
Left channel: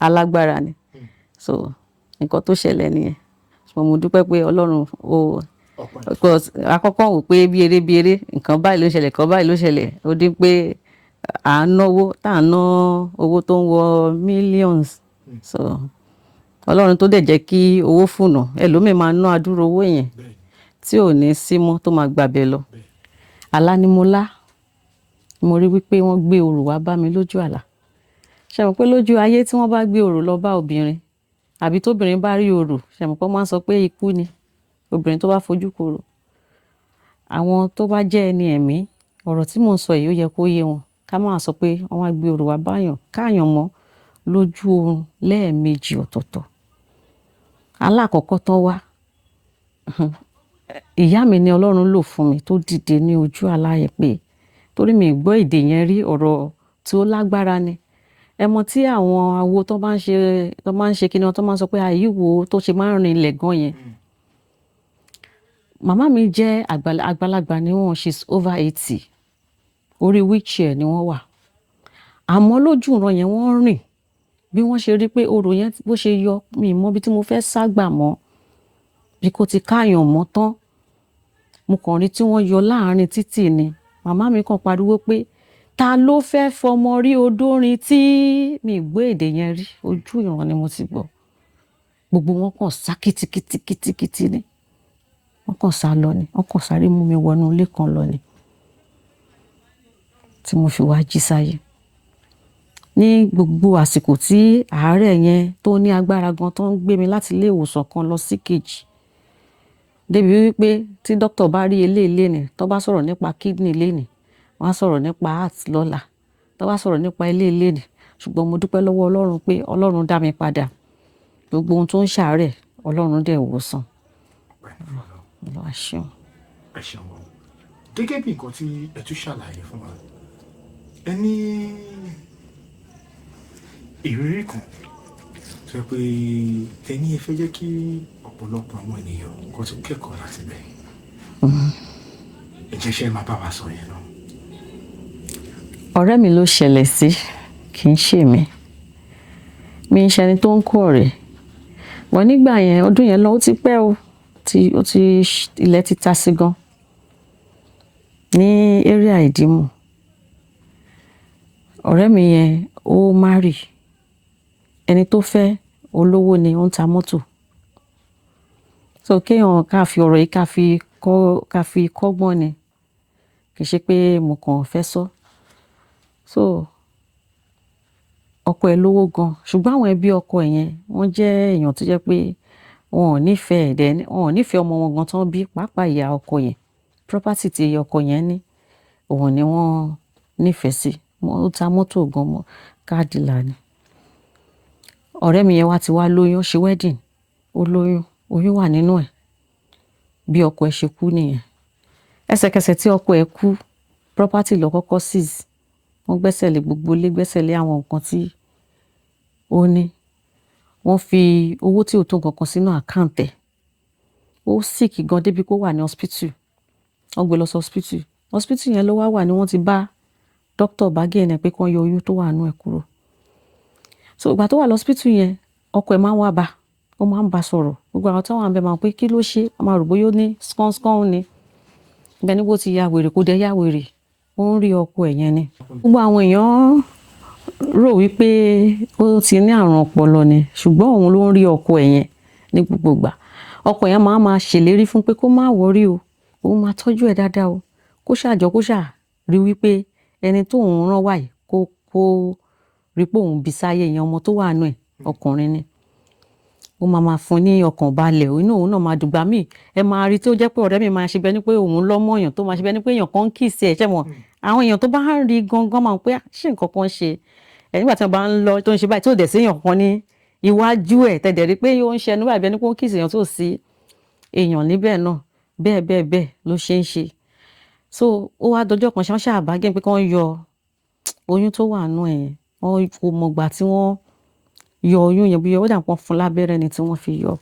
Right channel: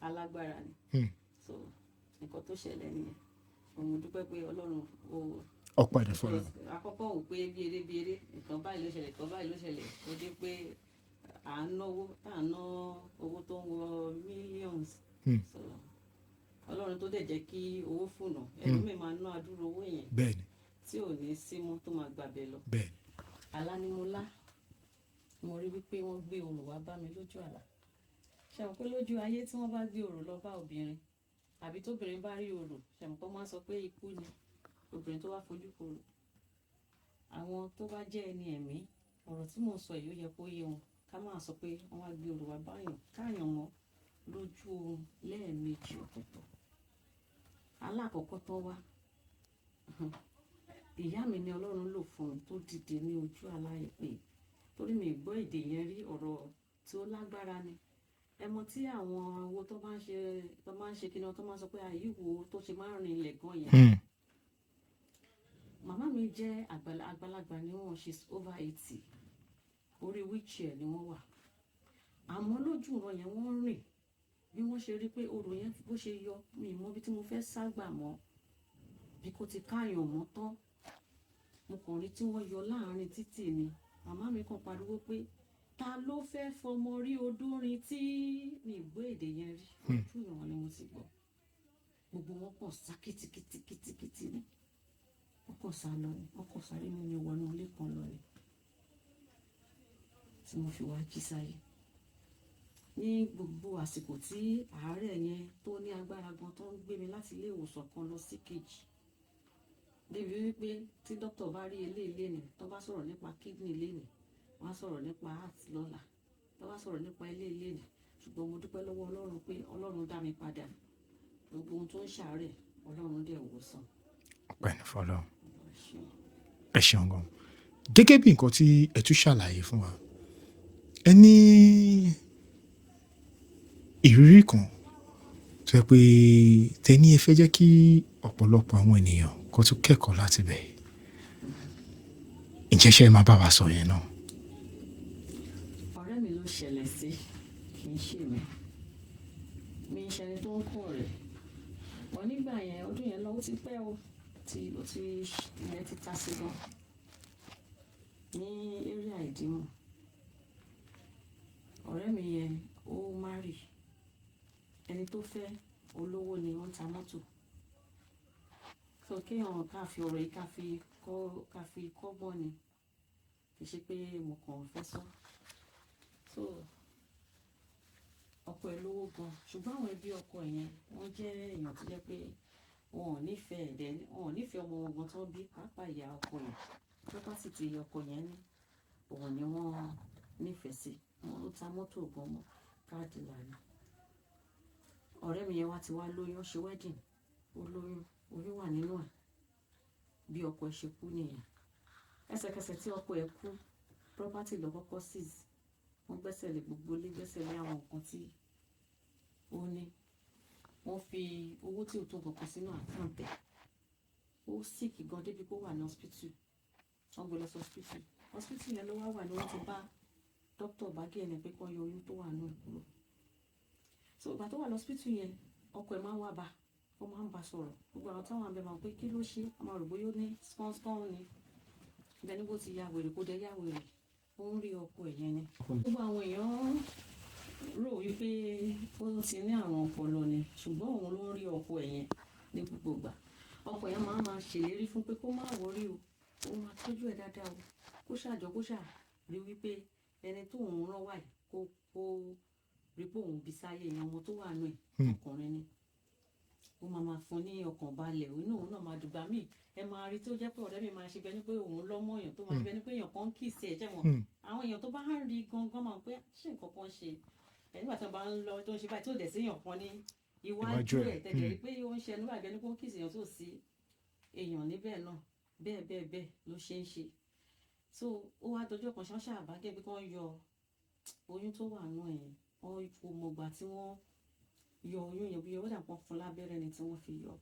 alágbára ni so nǹkan tó ṣẹlẹ̀ nìyẹn mo dúpẹ́ pé Ọlọ́run ó àkọ́kọ́ wò pé bí eré nǹkan báyìí ló ṣẹlẹ̀ ó dín pé à ń náwó tá à ń ná owó tó ń wọ millions so Ọlọ́run tó dẹ̀ jẹ́ kí owó fùnà ẹlòmíì máa ná àdúrà owó yẹn tí ò ní sí mọ́ tó máa gbàbẹ lọ àlá ni mo lá mo rí wípé wọ́n gbé òrò wá bá mi lójú àlá ṣe mọ̀ pé lójú ayé tí wọ́n bá gbé òrò lọ bá obìnrin àbí tóbìnrin bá rí òrò ṣe mọ̀ pé wọ́n máa ń sọ pé ikú ni obìnrin tó bá fojú korò àwọn tó bá jẹ́ ẹni ẹ̀mí ọ̀rọ̀ tí mò ń sọ yìí ó yẹ kó yé wọn ká máa sọ pé wọ́n á gbé òrò wá báyàn káàyàn mọ́ lójú oorun lẹ́ẹ̀mejì ọ̀tọ̀ọ̀tọ̀ alákọ̀ọ́kọ́ tán wá ìyá mi ni Ọlọ́run lò fún mi tó dìde ní ojú àlá yẹn pé torí mi gbọ́ èdè yẹn rí ọ̀rọ̀ tí ó lágbára ni ẹ mọ̀ tí àwọn awo tó máa ń ṣe kíni wọn tó máa ń sọ pé àyíwò tó ṣe máa ń rin ilẹ̀ gan yẹn màmá mi jẹ́ àgbàlagbà ni wọ́n she's over 80 orí wheelchair ni wọ́n wà àmọ́ lójú ìran yẹn wọ́n rìn bí wọ́n ṣe rí pé orò yẹn bó ṣe yọ mi mọ́ bí tí mo fẹ́ ságbà mọ́ bí kò ti káàyàn mọ́ tán mo kàn rí tí wọ́n yọ láàrin títì ni màmá mi kàn pariwo pé ta ló fẹ́ fọmọ rí odórin tí mi gbọ́ èdè yẹn rí ojú ìran ni mo ti gbọ́ gbogbo wọn kàn sá kìtìkìtìkìtì ni wọ́n kàn sá lọ ni wọ́n kàn sáré mú mi wọnú ilé kan lọ ni tí mo fi wá jí sáyé ní gbogbo àsìkò tí àárẹ̀ yẹn tó ní agbára gan tó ń gbé mi láti ilé ìwòsàn kan lọ sí kejì débi wípé tí dókítà bá rí eléyìí ni tó bá sọ̀rọ̀ nípa kidney lénìí wọ́n á sọ̀rọ̀ nípa heart lọ́la tó bá sọ̀rọ̀ nípa eléyìí ni ṣùgbọ́n mo dúpẹ́ lọ́wọ́ Ọlọ́run pé Ọlọ́run dá mi padà gbogbo ohun tó ń ṣàárẹ̀ Ọlọ́run dẹ̀ wò sàn. ọpẹ́ ní fọlọ́ Olúwa ṣeun. ẹ ṣeun gan gẹ́gẹ́ bí nǹkan tí ẹ tún ṣàlàyé fún wa ẹ ní ìrírí kan tó yẹ pé tẹ́ni ẹ fẹ́ jẹ́ kí ọ̀pọ̀lọpọ̀ àwọn ènìyàn kó tún kẹ́kọ̀ọ́ láti bẹ̀. ǹjẹ́ ṣe máa bá wa sọ yẹn náà. ọ̀rẹ́ mi ló ṣẹlẹ̀ sí kì í ṣe mi ń ṣẹni tó ń kó ọ̀rẹ́ wọ́n nígbà yẹn ọdún yẹn lọ ó ti pẹ́ o ilẹ̀ ti ta sí gan ní area Ìdìmú ọ̀rẹ́ mi yẹn ó marry ẹni tó fẹ́ olówó ni ó ń ta mọ́tò. So kéèyàn ká fi ọ̀rọ̀ yìí ká fi kọ́gbọ́n ni, kì í ṣe pé mo kàn fẹ́ sọ. So ọkọ ẹ̀ lówó gan, ṣùgbọ́n àwọn ẹbí ọkọ ẹ̀ yẹn wọ́n jẹ́ èèyàn tó jẹ́ pé wọn ò nífẹ̀ẹ́ ọmọ wọn gan tán bí, pàápàá ìyá ọkọ yẹn. Property tí ọkọ yẹn ní òun ni wọ́n nífẹ̀ẹ́ sí. Ó ta mọ́tò gan, mọ́ car dealer ni. Ọ̀rẹ́ mi yẹn wá ti wá lóyún, ṣe wedding, ó lóyún, oyún wà nínú ẹ̀. Bí ọkọ ẹ̀ ṣe kú nìyẹn. Ẹsẹ̀kẹsẹ̀ tí ọkọ ẹ̀ kú, property ló kọ́kọ́ seize. Wọ́n gbẹ́sẹ̀ lé gbogbo ilé, gbẹ́sẹ̀ lé àwọn nǹkan tí ó ní. Wọ́n fi owó tí ò tó nǹkan kan sínú account ẹ̀. Ó sick gan débi kó wà ní hospital. Wọ́n gbé lọ sí hospital. Hospital yẹn ló wà ní wọ́n ti bá doctor bargain pé kán yọ oyún tó wà nínú ẹ̀ kúrò. So ìgbà tó wà lọ́spítù yẹn, ọkọ ẹ̀ máa ń wá bá, ó máa ń bá sọ̀rọ̀. Gbogbo àwọn tó wà níbẹ̀ máa ń pé kí ló ṣe, a máa rò bóyá ó ní skán ni. Ibẹ̀ ni bó ti ya wèrè, kó dẹ̀ ya wèrè, ó ń rí ọkọ ẹ̀ yẹn ni. Gbogbo àwọn èèyàn rò wípé ó ti ní àrùn ọpọlọ ni, ṣùgbọ́n òun ló ń rí ọkọ ẹ̀ yẹn ní gbogbo ìgbà. Ọkọ yẹn máa ṣèlérí fún pé kó má worry o, òun máa tọ́jú ẹ̀ dáadáa o, kó rí wípé ẹni tó òun rán wá yìí kó rí pé òun bí sáyé yẹn, ọmọ tó wà nù ẹ̀ ọkùnrin ni. Ó máa fún ní ọkàn balẹ̀, inú òun náà máa dùgbà míì. Ẹ máa rí tí ó jẹ́ pé ọ̀rẹ́ mi máa ṣe bẹ́ẹ̀ ni pé òun lọ́mọ èèyàn, tó máa ṣe bẹ́ẹ̀ ni pé èèyàn kan ń kiss ẹ̀, ṣẹ́ mọ̀. Àwọn èèyàn tó bá ń rí gangan máa ń pé ṣé nǹkan kan ṣe. Nígbà tí wọ́n bá ń lọ tó ń ṣe báyìí tí ò dẹ̀ sí èèyàn kan ní iwájú ẹ̀, tẹ̀dẹ̀ rí pé ó ń ṣe ẹnu báyìí bẹ́ẹ̀ ni pé ó ń kiss èèyàn tó sí èèyàn níbẹ̀ náà. Bẹ́ẹ̀ ló ṣe ń ṣe. So ó wá dọjọ́ kan ṣáà bá gẹ́ pé kán yọ oyún tó wà nù ẹ̀ yẹn. Wọ́n kò mọ̀gbà tí wọ́n yọ oyún yẹn, bí ó dà pọ́n fún lábẹ́rẹ́ ni tí wọ́n fi yọ.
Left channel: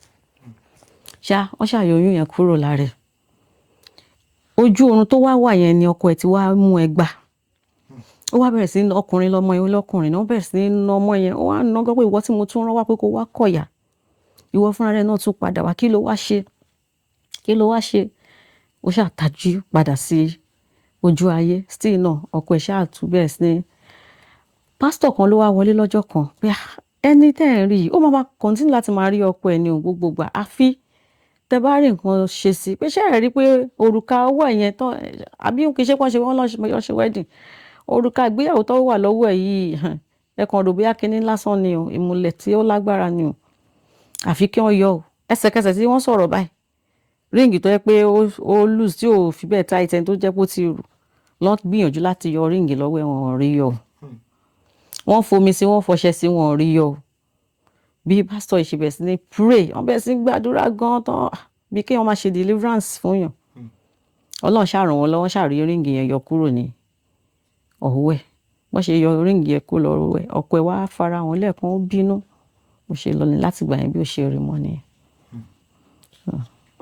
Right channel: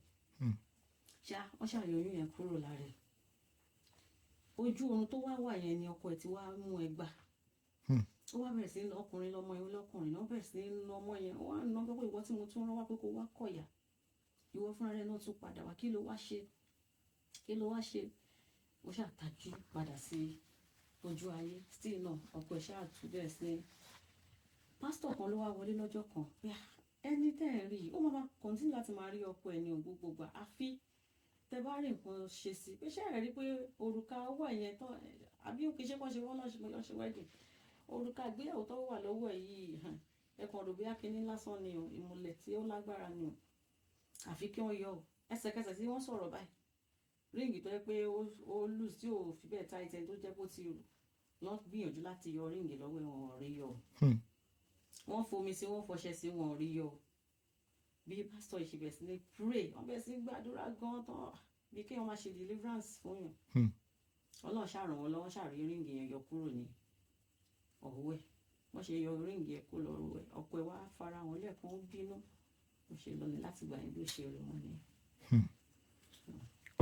Wọ́n ṣàyọ oyún yẹn kúrò lára ẹ̀. Ojú oorun tó wà yẹn ni ọkọ ẹ̀ ti wá mú ẹgba. Ó wá bẹ̀rẹ̀ sí ọkùnrin lọmọ yẹn, lọ́kùnrin náà bẹ̀rẹ̀ sí ná ọmọ yẹn. Ó wá ná gbọ́ pé ìwọ tí mo tún rán wá pé kó wá kọ̀yà. Ìwọ fúnra rẹ̀ náà tún padà wá, kí ló wá ṣe? Ó ṣàtajú padà sí ojú ayé. Still náà ọkọ ẹ̀ ṣáà tún bẹ̀rẹ̀ sí ní. Pásítọ̀ kan ló wá wọlé lọ́jọ́ kan pé ẹni tẹ́ ẹ̀ ń rí yìí, ó máa continue láti máa rí ọkọ ẹ̀ ní gbogbo ìgbà. Àfi tẹ́ bá rí nǹkan ṣe sí, pé ṣé ẹ rí pé òrùka ọwọ́ ẹ̀ yẹn tán, àbí kì í ṣe pọ́n ṣe wọ́n lọ́ ṣe wedding. Òrùka ìgbéyàwó tó wà lọ́wọ́ ẹ̀ yìí, ẹ kàn rò bóyá kinní lásán ni o, ìmùlẹ̀ tí ó lágbára ni o. Àfi kí wọ́n yọ o. Ẹsẹ̀kẹsẹ̀ tí wọ́n sọ̀rọ̀ báyìí, ríǹgì tó yẹ pé ó loose tí ò fi bẹ́ẹ̀ tight ẹni tó jẹ́ pé ó ti rù, lọ́n gbìyànjú láti yọ ríǹgì lọ́wọ́ ẹ̀, wọn ò rí yọ. Wọ́n fomi sí, wọ́n fọṣẹ sí, wọn ò rí yọ. Bí pásítọ̀ yìí ṣe bẹ̀rẹ̀ sí ní pray, wọ́n bẹ̀rẹ̀ sí ní gbàdúrà gan tán, bí kéèyàn máa ṣe deliverance fún yàn. Ọlọ́run ṣá ràn wọ́n lọ́wọ́, ṣá rí ríǹgì yẹn yọ kúrò ní ọwọ́ ẹ̀. Wọ́n ṣe yọ ríǹgì yẹn kúrò lọ́wọ́ ẹ̀, ọkọ ẹ̀ wá fara wọn lẹ́ẹ̀kan, ó bínú. Ó ṣe lọ ní láti gbà yẹn bí ó ṣe rí mọ́ nìyẹn.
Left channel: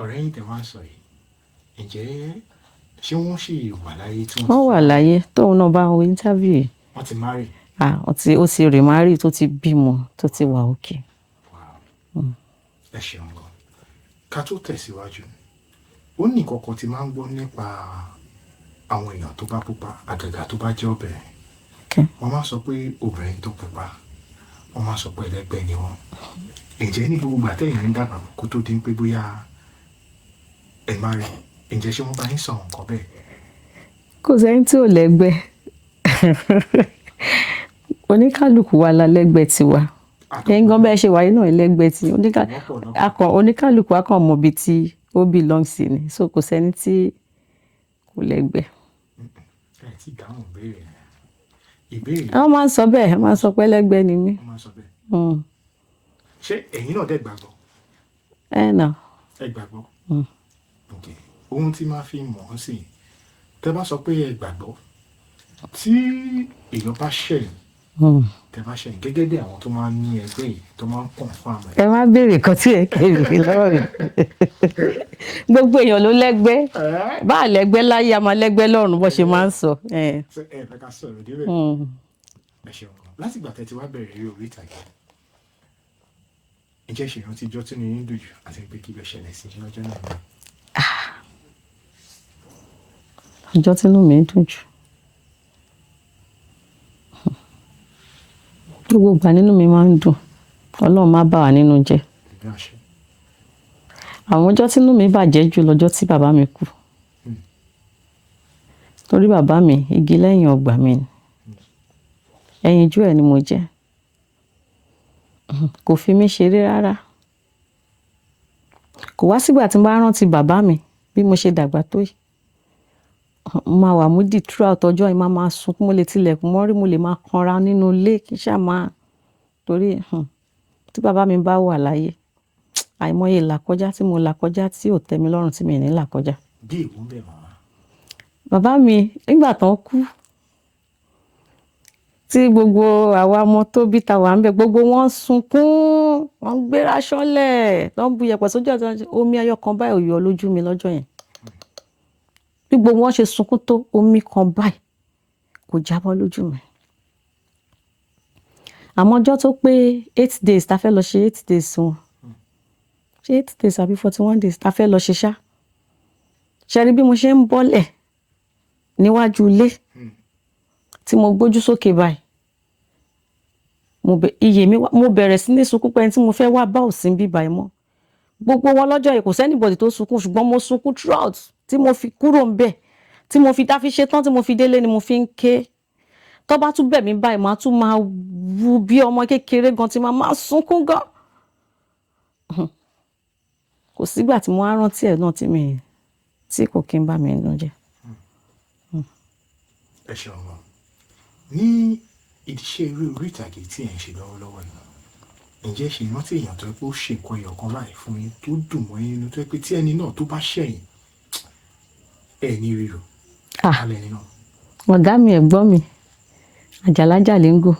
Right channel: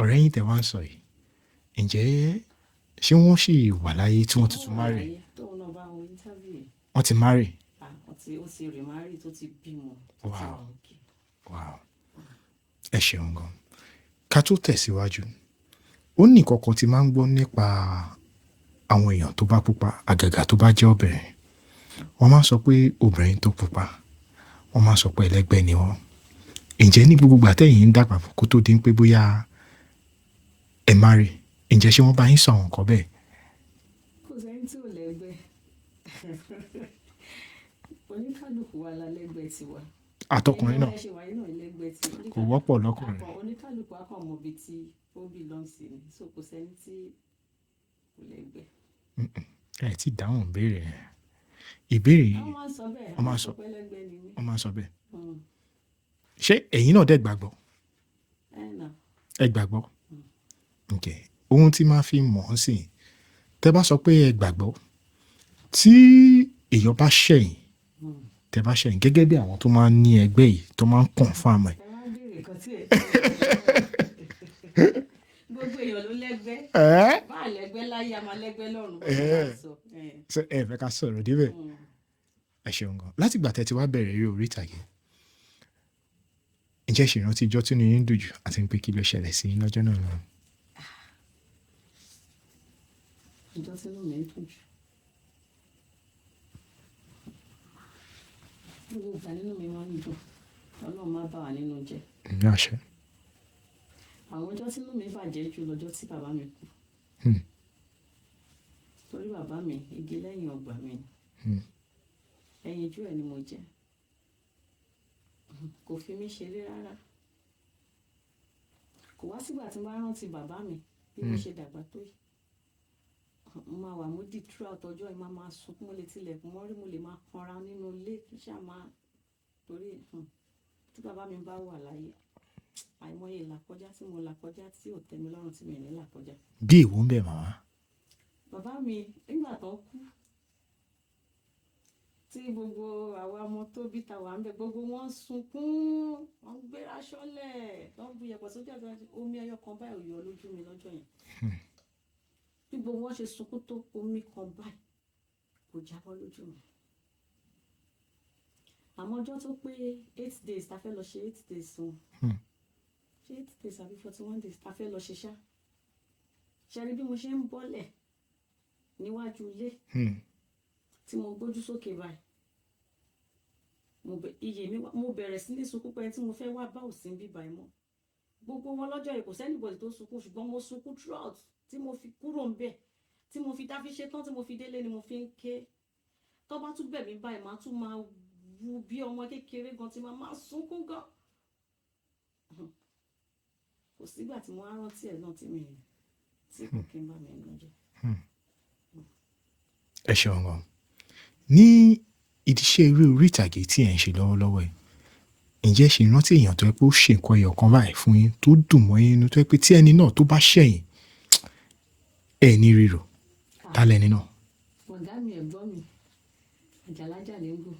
Ọ̀rẹ́ yín tẹ́ wá ń sọ yìí, ǹjẹ́ ṣé wọ́n ṣì wà láyé tí wọ́n ti wọ́n wà láyé tóun náà bá wo interview yìí. wọ́n ti marry? Ó ti remarry, tó ti bímọ, tó ti wà òkè. Ẹ ṣeun gan. Ká tó tẹ̀síwájú, ó ní kọ̀kọ̀ tí máa ń gbọ́ nípa àwọn èèyàn tó bá pupa, àgàgà tó bá jẹ́ obìnrin. Wọ́n máa ń sọ pé obìnrin tó pupa, wọ́n máa ń sọ pé ẹlẹ́gbẹ́ ni wọ́n. Ǹjẹ́ ní gbogbo ìgbà tẹ́yìn ń dàgbà kó tó di pé bóyá ẹ marry, ǹjẹ́ ṣé wọ́n bá yín sọ àwọn nǹkan bẹ́ẹ̀? Kò sẹ́ni tí ò lẹ́gbẹ́. Oníkálùkù wa la lẹ́gbẹ́ tiwa. Ẹ̀yin gan bẹ́ẹ̀ ṣe wáyé náà lẹ́gbẹ́ tí oníkálùkù á kàn mọ ibi tí ó belong sí ni. So kò sẹ́ni tí kò lẹ́gbẹ́. Ẹ ti dáhùn ìbéèrè. Wọ́n máa ń sọ bẹ́ẹ̀, wọ́n máa ń sọ pé lẹ́gbẹ́ ni mí. Wọ́n máa ń sọ bẹ́ẹ̀. Ṣé ẹ̀yin náà dẹ̀ gbàgbọ́? Náà. Ẹ gbàgbọ́? Okay. Ohun tí máa fi mọ̀ ọ́ sí, tẹ́ bá sọ pé ẹ gbàgbọ́, tí èèyàn bá ṣẹ̀yìn, tẹ́ bá ṣẹ̀yìn gẹ́gẹ́ bí àwọn tó máa ń ní ẹgbẹ́ yìí tó máa ń confirm ẹ̀. Ẹ má béèrè kan tí ẹ kéèrè lọ́wọ́ rẹ̀. Gbogbo èèyàn ló lẹ́gbẹ́. Bá a lẹ́gbẹ́ láyé, a máa lẹ́gbẹ́ lọ́run bó ṣe máa ń sọ. Ẹ fẹ́ ká sọ̀rọ̀ débẹ̀. Ẹ ṣeun gan. Láti ìgbà tẹ́ ti wá bẹ̀rẹ̀ eré orí ìtàgé, ǹjẹ́ ṣe ìrántí ijọ́ tí inú yín dùn jù àti pé kí ló ṣẹlẹ̀ sí yín lọ́jọ́ náà? Ọjọ́ tí inú mi ń dùn jù. Gbogbo ìgbà nínú mi máa ń dùn. Ọlọ́run má bà wá nínú jẹ́. ní àṣẹ. Àwọn ọjọ́ tí inú mi bàjẹ́ jù lọ́jọ́ tí bàbá mi kú. Torí bàbá mi igi lẹ́yìn ọgbà mi ni. Ẹyinjú ẹ̀ ni mo jẹ́. Kò fi mí ṣeré rárá. Kò wá sígbà tí n bá rántí bàbá mi bí mo ṣe dàgbà tó yìí. Máa wà moody throughout ọjọ́ yìí, máa sunkún, mo lè tilẹ̀kùn mọ́rí, mo lè máa kanra nínú ilé kí n ṣáà máa torí tí bàbá mi bá wà láyé àìmọye ìlàkọjá tí mo là kọjá tí ò tẹ́ mi lọ́rùn tí mi ò ní là kọjá. Bí èwo ń bẹ̀ màmá. Bàbá mi nígbà tán kú tí gbogbo àwa ọmọ tó bí ta wà ń bẹ gbogbo wọn sunkún, wọn ń gbéra ṣánlẹ̀, tó ń bu yẹ̀pẹ̀ sójú ọ̀tọ̀, omi ẹyọ kan báyìí ò yọ lójú mi lọ́jọ́ yẹn. Bí gbogbo wọn ṣe sunkún tó omi kan báyìí kò jábọ́ lójú mi. Àmọ́ ọjọ́ tó pé 8 days ta fẹ́ lọ ṣe 8 days wọn. Ṣé 8 days àbí 41 days ta fẹ́ lọ ṣe ṣá. Ṣé rí bí mo ṣe ń bọ́lẹ̀ níwájú ilé tí mo gbójú sókè báyìí. Mo bẹ̀rẹ̀ sí ní sunkún pé ẹni tí mo fẹ́ wá bá ò sí níbí báyìí mọ́. Gbogbo wọn lọ́jọ́ yìí kò sí anybody tó sunkún ṣùgbọ́n mo sunkún throughout tí mo fi kúrò ńbẹ̀ tí mo fi dáfi ṣe tán tí mo fi délé ni mo fi ń ké. Tó bá tún bẹ̀ mí báyìí màá tún máa wú bí ọmọ kékeré gan tí máa sunkún gan. Kò sígbà tí mo á rántí ẹ̀ náà tí kò kí ń bá mi nínú jẹ́. Ẹ ṣeun gan. Ní ìdíṣẹ́ eré orí ìtàgé tí ẹ̀ ń ṣe lọ́wọ́lọ́wọ́ yìí, ǹjẹ́ ṣe rántí èèyàn tó yẹ pé ó ṣe nǹkan ẹyọ kan báyìí fún yín tó dùn mọ́ yín nínú tó yẹ pé tí ẹni náà tó bá ṣẹ̀yìn ẹ̀ ní rírò kálẹ̀ nínú. Ọ̀gá mi ẹ̀gbọ́n mi Àjàlájà Léńgò.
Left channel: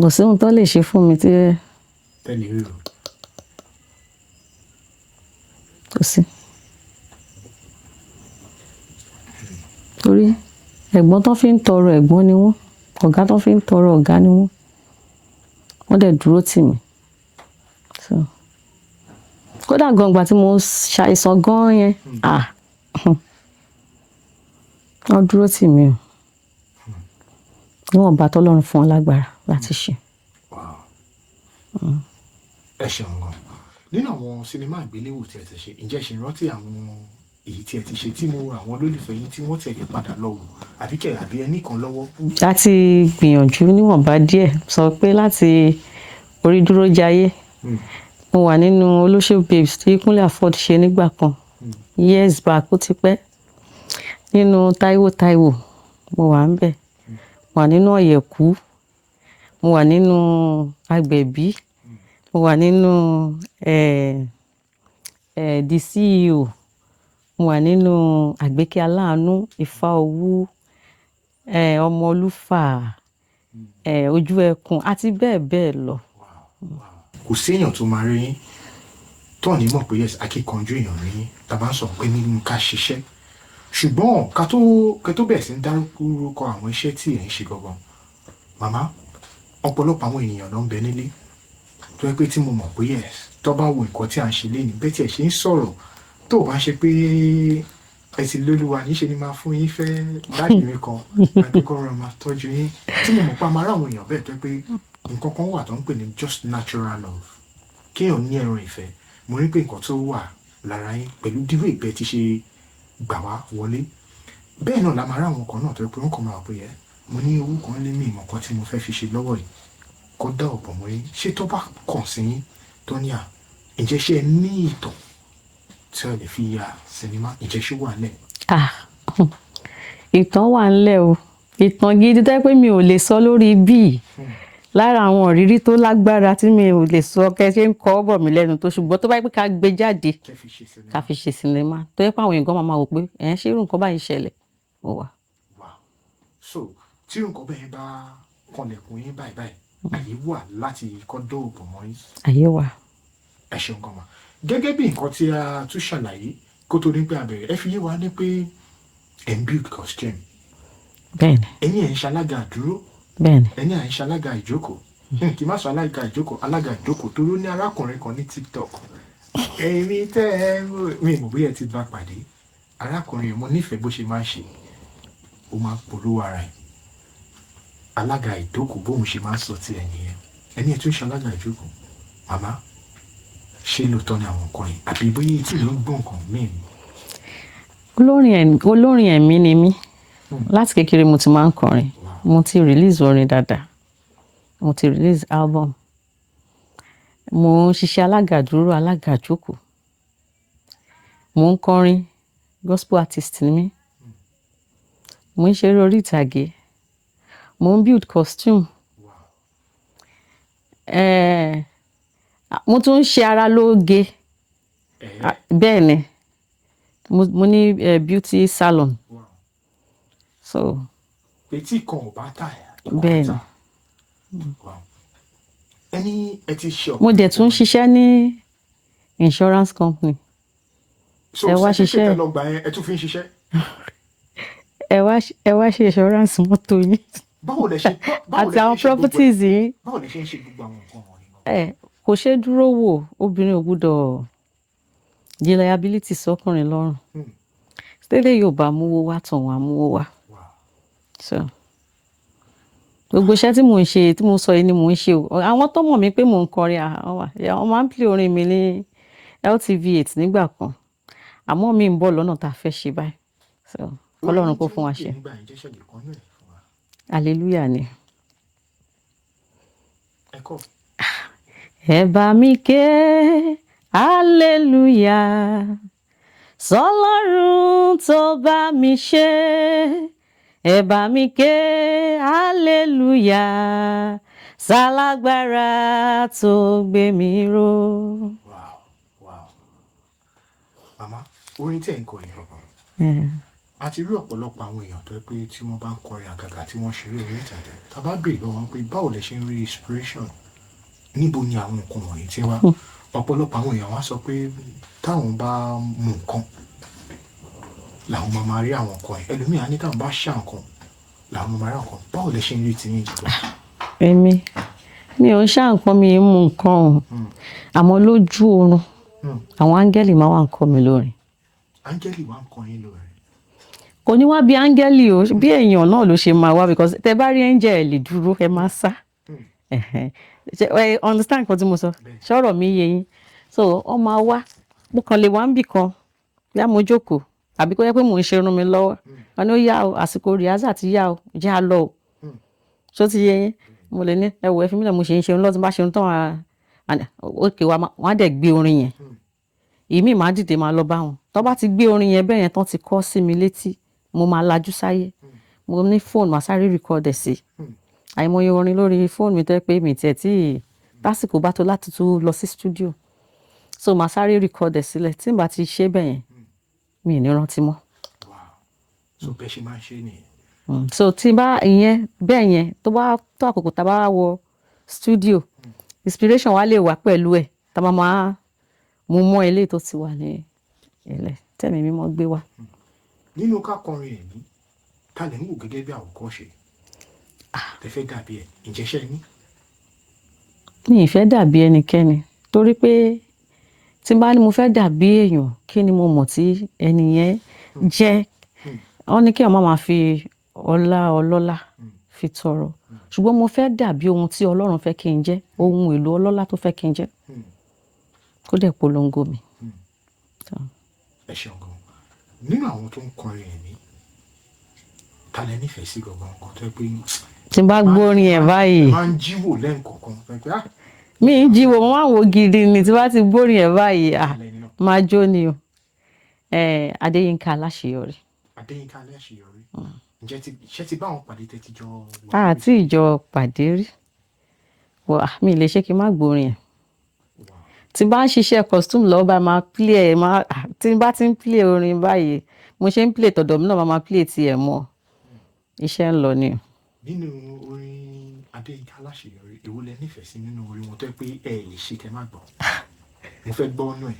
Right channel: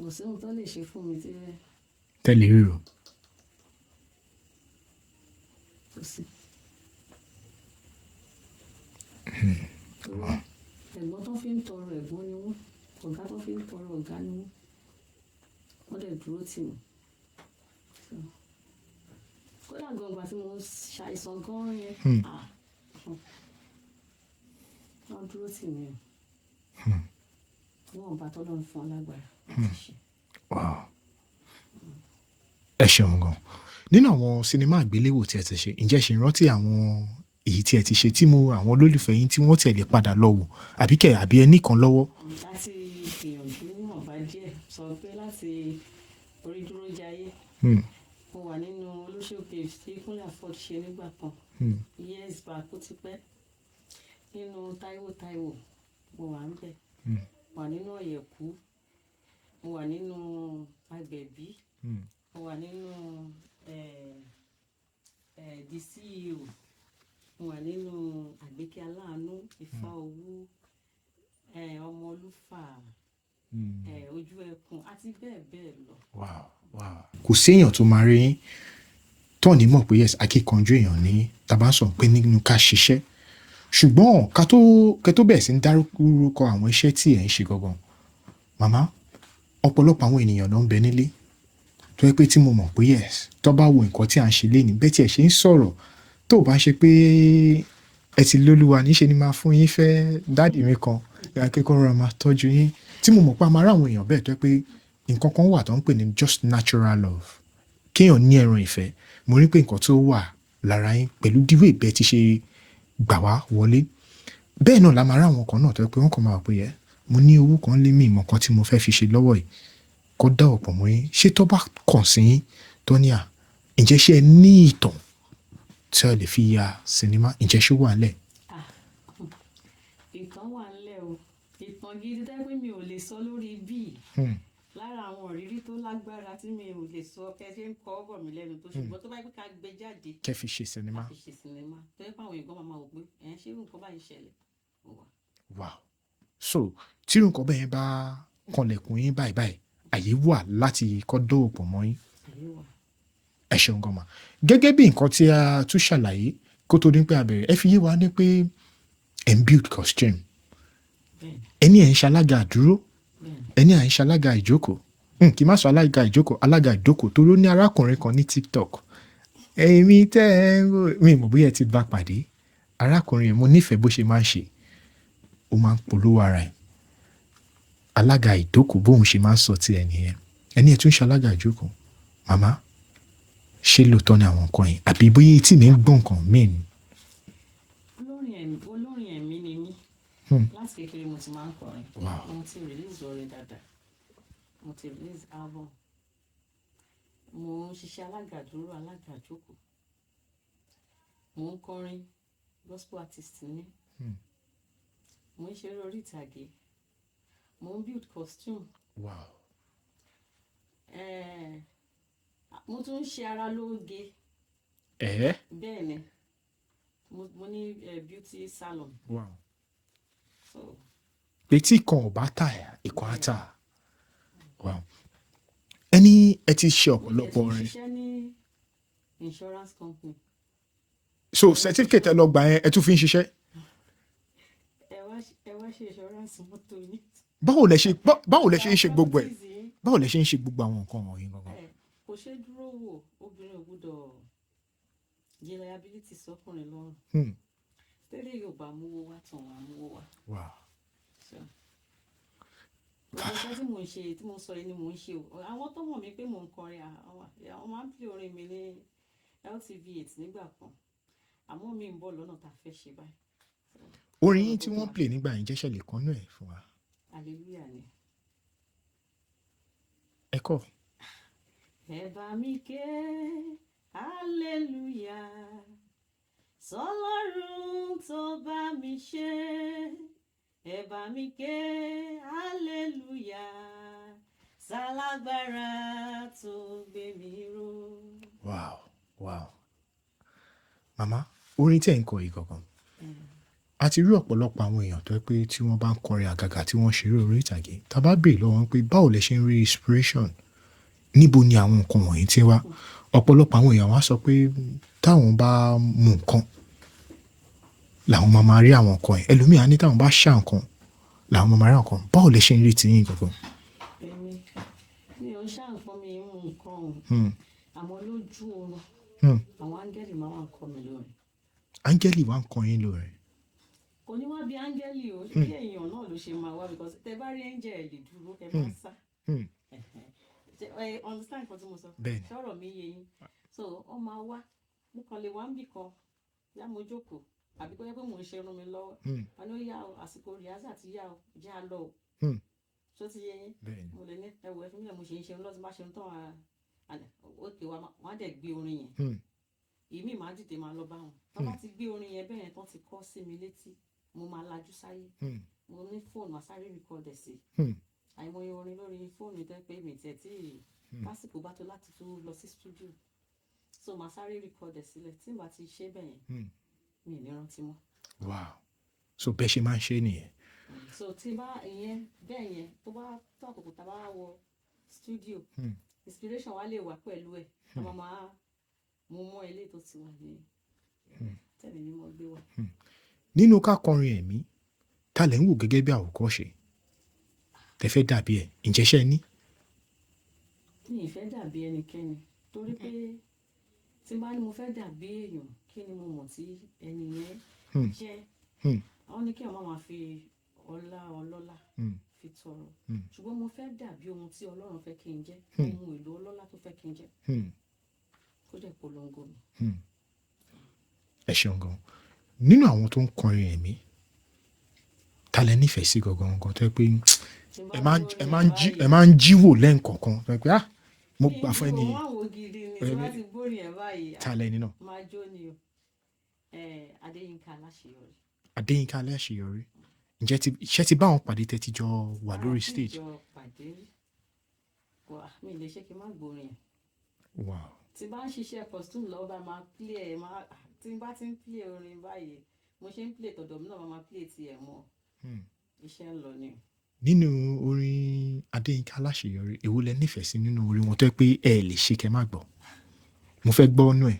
Kò sí ohun tó lè ṣe fún mi tí tẹ́lẹ̀ rírò. Kò sí. Torí ẹ̀gbọ́n tó fi ń tọrọ ẹ̀gbọ́n ni wọ́n, ọ̀gá tó fi ń tọrọ ọ̀gá ni wọ́n. Wọ́n dẹ̀ dúró tì mí. Kódà gan ìgbà tí mo ṣàìsàn gan yẹn, wọ́n dúró tì mí o. Níwọ̀n bá tọ́lọ́run fún wọn lágbára láti ṣe. Ẹ ṣeun gan. Nínú àwọn sinimá àgbéléwò tí ẹ ti ṣe, ǹjẹ́ ṣe rántí àwọn èyí tí ẹ ti ṣe tí mo àwọn olólùfẹ́ yín tí wọ́n tẹ̀lé padà lọ wò àbí ẹni kan lọ́wọ́? Láti gbìyànjú níwọ̀nba díẹ̀ sọ pé láti orí dúró jayé. Mo wà nínú Olóṣèlú Babes tí Kúnlé Afọ́d ṣe nígbà kan. Years back ó ti pẹ́. Nínú Táíwò mo wà ńbẹ̀. Mo wà nínú Ọ̀yẹ̀kú. Mo wà nínú Agbẹ̀bí. Mo wà nínú The CEO. Mo wà nínú Àgbékẹ́ Aláàánú, Ifá Owú, Ọmọ Olúfà, Ojú Ẹkùn àti bẹ́ẹ̀ bẹ́ẹ̀ lọ. Kò sí èèyàn tó máa rí yín tó ní mọ̀ pé yes akíkanjú èèyàn ní tàbá sọ pé nínú ká ṣiṣẹ́. Ṣùgbọ́n ká tó bẹ̀rẹ̀ sí ń dárúkọ àwọn iṣẹ́ tí ẹ̀ ń ṣe gangan. Màmá, ọ̀pọ̀lọpọ̀ àwọn ènìyàn ló ń bẹ nílé tó yẹ pé tí mo mọ̀ pé yes tó bá wo nǹkan tí à ń ṣe lénìí bẹ́ẹ̀ tí ẹ̀ ṣe ń sọ̀rọ̀ tó bá ṣe pé ẹ ti lólúwa níṣe ni máa fún yín fẹ́ dáàdì mi kan láti kó rọra máa tọ́jú yín tí mo mọ̀ pé a máa ráwọn èèyàn bẹ́ẹ̀ tó yẹ pé nǹkan kan wà tó ń pè ní just natural love kéèyàn ní ẹran ìfẹ́. Mo rí pé nǹkan tó wà lára yín pẹ̀lú díwé ìbẹ́ ti ṣe gbà wá wọlé bẹ́ẹ̀ náà la máa ráwọn kan náà tó yẹ pé wọ́n kàn máa pè é mo ní owó kan lé mi ìmọ̀ kan tí mo fẹ́ fi ṣe lọ́wọ́ yìí kọ́ dá ọ̀pọ̀ mọ́ yín ṣé tó bá kàn sí yín tó ní ǹjẹ́ ṣé ẹ ní ìtàn tí ẹ lè fi ya sinimá ǹjẹ́ ṣé wà ńlẹ̀? Ìtàn wà ńlẹ̀ o. Ìtàn gidi tó yẹ pé mi ò lè sọ lórí bíi lára àwọn ìrírí tó lágbára tí mi ò lè sọ kẹ́ ṣe ń kọ́ bọ̀ mí lẹ́nu tó ṣùgbọ́n tó bá yẹ pé ká gbé jáde ká fi ṣe sinimá tó yẹ pé àwọn èèyàn máa wò pé ṣé irú nǹkan báyìí ṣẹlẹ̀ ó wà. So tí irú nǹkan bẹ́ẹ̀ bá kanlẹ̀kùn yín báyìí àyè wà láti kọ́ dóòpọ̀ mọ́ yín. Àyè wà. Ẹ ṣeun gan ma. Gẹ́gẹ́ bí nǹkan tí a tún ṣàlàyé kó tó ní pé a bẹ̀rẹ̀ ẹ fi yé wa ní pé ẹ̀ ń build costume. Bẹ́ẹ̀ni. Ẹni ẹ̀ ń ṣalága àdúró. Bẹ́ẹ̀ni. Ẹni à ń ṣalága ìjókòó. Kì í má sọ alága ìjókòó tó ló ní arákùnrin kan ní TikTok. Èmi tẹ́ ẹ mi mọ̀ bóyá ẹ ti bá pàdé. Arákùnrin mo nífẹ̀ẹ́ bó ṣe máa ń ṣe. Ó máa ń polówó ara ẹ̀. alága ìjókòó bóun ṣe máa ń sọ ti ẹ̀ nìyẹn ẹni ẹ̀ tún ṣe alága ìjókòó màmá ṣé lóòótọ́ ni àwọn nǹkan yìí àbí bóyá etí mi ń gbọ́ nǹkan míì ni. olórin ẹ̀mí ni mí láti kékeré mo ti máa ń kọrin mo ti release orin dáadáa mo ti release album mo ń ṣiṣẹ́ alága dúró alága ìjókòó mo ń kọrin gospel artist ni mí mo ń ṣeré orí ìtàgé mo ń build costume mo tún ń ṣe ara lóge bẹ́ẹ̀ ni mo ní beauty salon so betí kan ò bá tà ìkọ̀ bẹ́ẹ̀ àtà ẹni ẹ ti ṣe mo dẹ̀ tún ṣiṣẹ́ ní insurance company so certificate ẹ lọ gbà yẹn ẹ tún fi ń ṣiṣẹ́. ẹ wá ṣe insurance mọ́tò yín báwo lẹ ṣe ń ṣe gbogbo properties ẹ yín báwo lẹ ṣe ń ṣe gbogbo àwọn nǹkan wọ̀nyí. kò ṣe dúró wò obìnrin ò gbúdọ̀ di liability sọkùnrin lọ́rùn tẹ́lẹ̀ yóò bá múwó wá tàn wá múwó wá so gbogbo iṣẹ́ tí mò ń ṣe tí mo sọ yìí ni mò ń ṣe o àwọn tó mọ̀ mí pé mò ń kọrin àwọn máa ń play orin mi ní LTV8 nígbà kan àmọ́ mi ń bọ̀ lọ́nà tá a fẹ́ ṣe báyìí so Ọlọ́run kó fún wa ṣe hallelujah ni. ẹ bá mi ké hallelujah sọ́lọ́run tó bá mi ṣe ẹ bá mi ké hallelujah sálágbára tó gbé mi ró. wow màmá orin tẹ̀ ń kọ yìí kankan a ti rí ọ̀pọ̀lọpọ̀ àwọn èèyàn tó yẹ pé tí wọ́n bá ń kọrin àgàgà tí wọ́n ṣeré orí ìtàgé tá a bá béèrè lọ́wọ́ wọn pé báwo lẹ ṣe ń rí inspiration níbo ni àwọn nǹkan wọ̀nyí ti wá ọ̀pọ̀lọpọ̀ àwọn èèyàn wá sọ pé táwọn bá mú nǹkan làwọn máa rí àwọn nǹkan ẹ̀ ẹlòmíà ní táwọn bá ṣá nǹkan làwọn máa rí àwọn nǹkan báwo lẹ ṣe ń rí tiyín jùlọ. mi ò ń ṣá nǹkan mi ń mú nǹkan o àmọ́ lójú oorun àwọn áńgẹ́lì máa wà ń kọ́ mi lórin. áńgẹ́lì wà ń kọ́ yín lórin. kò ní wá bí áńgẹ́lì o bí èèyàn náà ló ṣe máa wá because tẹ bá rí angel lè dúró ẹ máa sá understand nǹkan tí mo sọ ṣọ́rọ̀ mi yé yín so ọ máa wá mo kàn lè wá ń bì kan yá mo jókòó àbí kó yẹ pé mò ń ṣe irun mi lọ́wọ́ wọn ni ó yá o àsìkò rìhásà ti yá o jẹ́ à lọ o ṣó ti yé yín mo lè ní ẹ wò ẹ fi mílẹ̀ mo ṣe ń ṣe irun lọ́tún bá ṣe irun tán òkè wa wọ́n á dẹ̀ gbé orin yẹn ìmí máa dìde máa lọ bá wọn tó bá ti gbé orin yẹn bẹ́ẹ̀ yẹn tán ti kọ́ sí mi létí mo máa lajú sáyé mo ní fóònù màá sáré rìkọ́dẹ̀ sí àìmọye orin lórí fóònù mi tẹ́ pé mi tiẹ̀ tí lásìkò bá tó láti tún lọ sí studio so màá sáré rìkọ́dẹ̀ sílẹ̀ tí n bá ti ṣe bẹ́ẹ̀ yẹn mi ì ní rántí mọ́. so bẹ́ẹ̀ ṣe máa ń ṣe nìyẹn. so tí bá ìyẹn bẹ́ẹ̀ yẹn tó bá tó àkókò tá a bá wọ studio inspiration wa lè wà pẹ̀lú ẹ̀ tá a máa mú mọ́ ilé tó ti wà ní ilẹ̀ tẹ̀mí mímọ́ gbé wá. nínú ká kọrin ẹ̀mí ta lẹ̀ ń wò gẹ́gẹ́ bí àwòkọ́ṣe tẹ fẹ́ dàbí ẹ̀ ìjẹ́ṣẹ́ ní. mi ì fẹ́ dàbí ẹnikẹ́ni torí pé tí n bá ní mo fẹ́ dàbí èèyàn kí ni mo mọ̀ tí ẹni yẹn jẹ́ wọ́n ní kí ọmọ máa fi ọlọ́lá fi tọrọ ṣùgbọ́n mo fẹ́ dàbí ohun tí Ọlọ́run fẹ́ kí n jẹ́ ohun èlò ọlọ́lá tó fẹ́ kí n jẹ́ kó dẹ̀ polongo mi. ẹ ṣeun gan nínú àwọn tó ń kọrin ẹ̀mí ta lẹ nífẹ̀ẹ́ sí gangan tó yẹ pé tí n bá gbórin ẹ̀ báyìí ẹ máa ń jíwò lẹ́ǹkọ̀ọ̀kan tó yẹ pé mi ń jíwò mo máa ń wo gidi ni tí n bá ti gbórin ẹ̀ báyìí máa jó ni o Adéyínká Aláṣeyọrí. Adéyínká Aláṣeyọrí ǹjẹ́ iṣẹ́ ti bá àwọn pàdé tẹ́ ti jọ wà lórí àti ìjọ pàdé rí mi lè ṣe kí n má gbórin ẹ̀ tí bá ń ṣiṣẹ́ costume lọ́wọ́ bá máa play ẹ̀ tí bá ti ń play orin báyìí mo ṣe ń play tọ̀dọ̀ mi náà máa play tiẹ̀ mọ́ iṣẹ́ ń lọ ni. nínú orin Adéyínká Aláṣeyọrí èwo lẹ nífẹ̀ẹ́ sí nínú orin wọn tó yẹ pé ẹ lè ṣe kẹ́ má gbọ́ mo fẹ́ gbọ́ ọ́nú ẹ̀.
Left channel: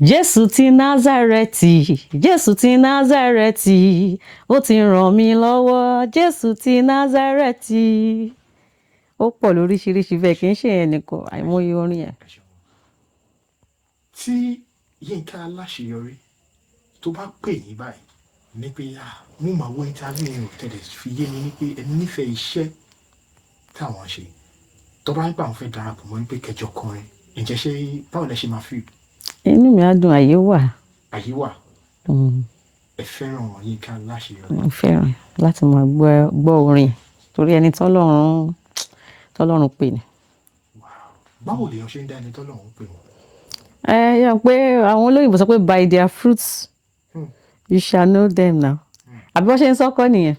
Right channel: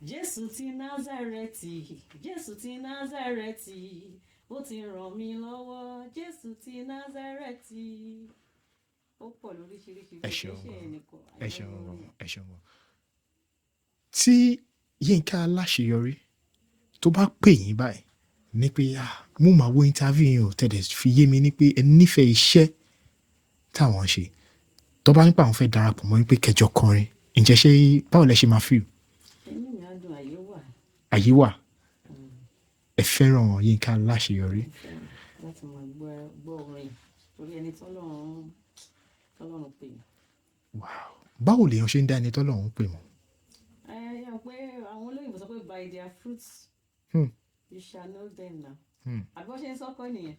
Jésù ti Násárẹ́tì Jésù ti Násárẹ́tì ó ti ràn mí lọ́wọ́ Jésù ti Násárẹ́tì ó pọ̀ lóríṣiríṣi bẹ́ẹ̀ kì í ṣe ẹnìkan àìmọye orin ẹ̀. tí Yínká Aláṣeyọrí tó bá pè yín báyìí ní pé mo máa wo interview yẹn ò tẹ̀lé fi yé mi ní pé ẹ nífẹ̀ẹ́ iṣẹ́ táwọn ṣe tó bá ń pa àwọn fẹ́ darapọ̀ mọ́ pé kẹjọ kọrin ǹjẹ́ ṣé báwo lẹ ṣe máa fi inú mi á dùn, àyè wà. àyè wà ẹ fẹ́ràn Yínká Aláṣeyọrí. Mo fẹ́ràn láti máa gbọ́ orin torí ẹni tọ́lọ́run pè ní. báwo lèèyàn ṣe ń dá ẹni tọ́lọ́run pè wọ́n. Yẹ pé àwọn olóyìnbó sọ pé by their fruits you shall know them now. Àbí wọ́n ṣe ń sọ́kọ́ nìyẹn.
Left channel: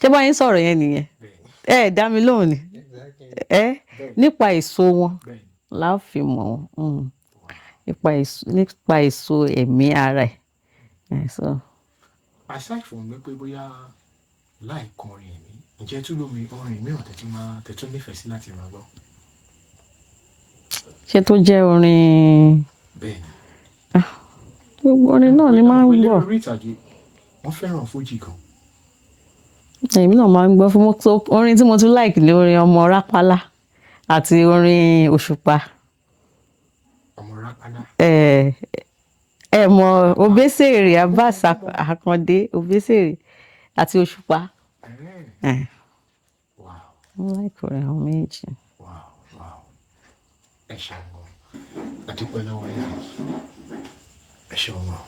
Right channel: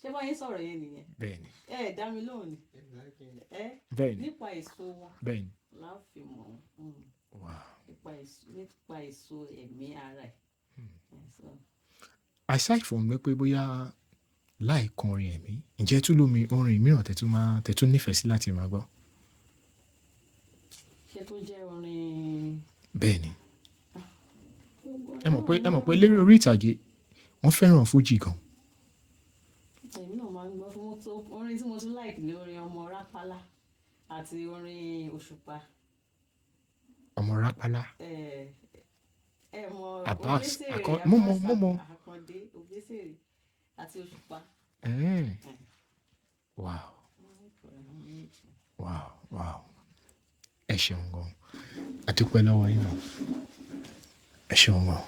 Ṣé bá yín sọ̀rọ̀ yẹn nìyẹn? Dá mi lóhùn ni. Nípa èso wọn la ó fi mọ̀ wọ́n. Nípa èso ẹ̀mí ara ẹ̀. Aside from pé bóyá láì kan orin ẹ̀mí ǹjẹ́ tún lómi orin mìíràn tẹ̀tún nífẹ̀ẹ́ sí láti máa gbọ́. Ṣé tó jẹ́ orin. Bẹ́ẹ̀ni. Gbogbo orin náà ni máa ń gbọ́. orí ìtàgé wọ́n fẹ́ràn fújì gan. Èmi náà máa ń gbọ́ fún orin tí mo tún like ní orin ọmọ rápálá àti orin òṣùpá. ọmọ rápálá. Ẹ mọ Obesere Abbas Akande Obesere àti òṣùpá. Wow. Mo like orin àwọn méjì. Wow. Ẹ ṣeun gan. A dúpẹ́ lọ́wọ́ yín. Ẹ ṣeun gan.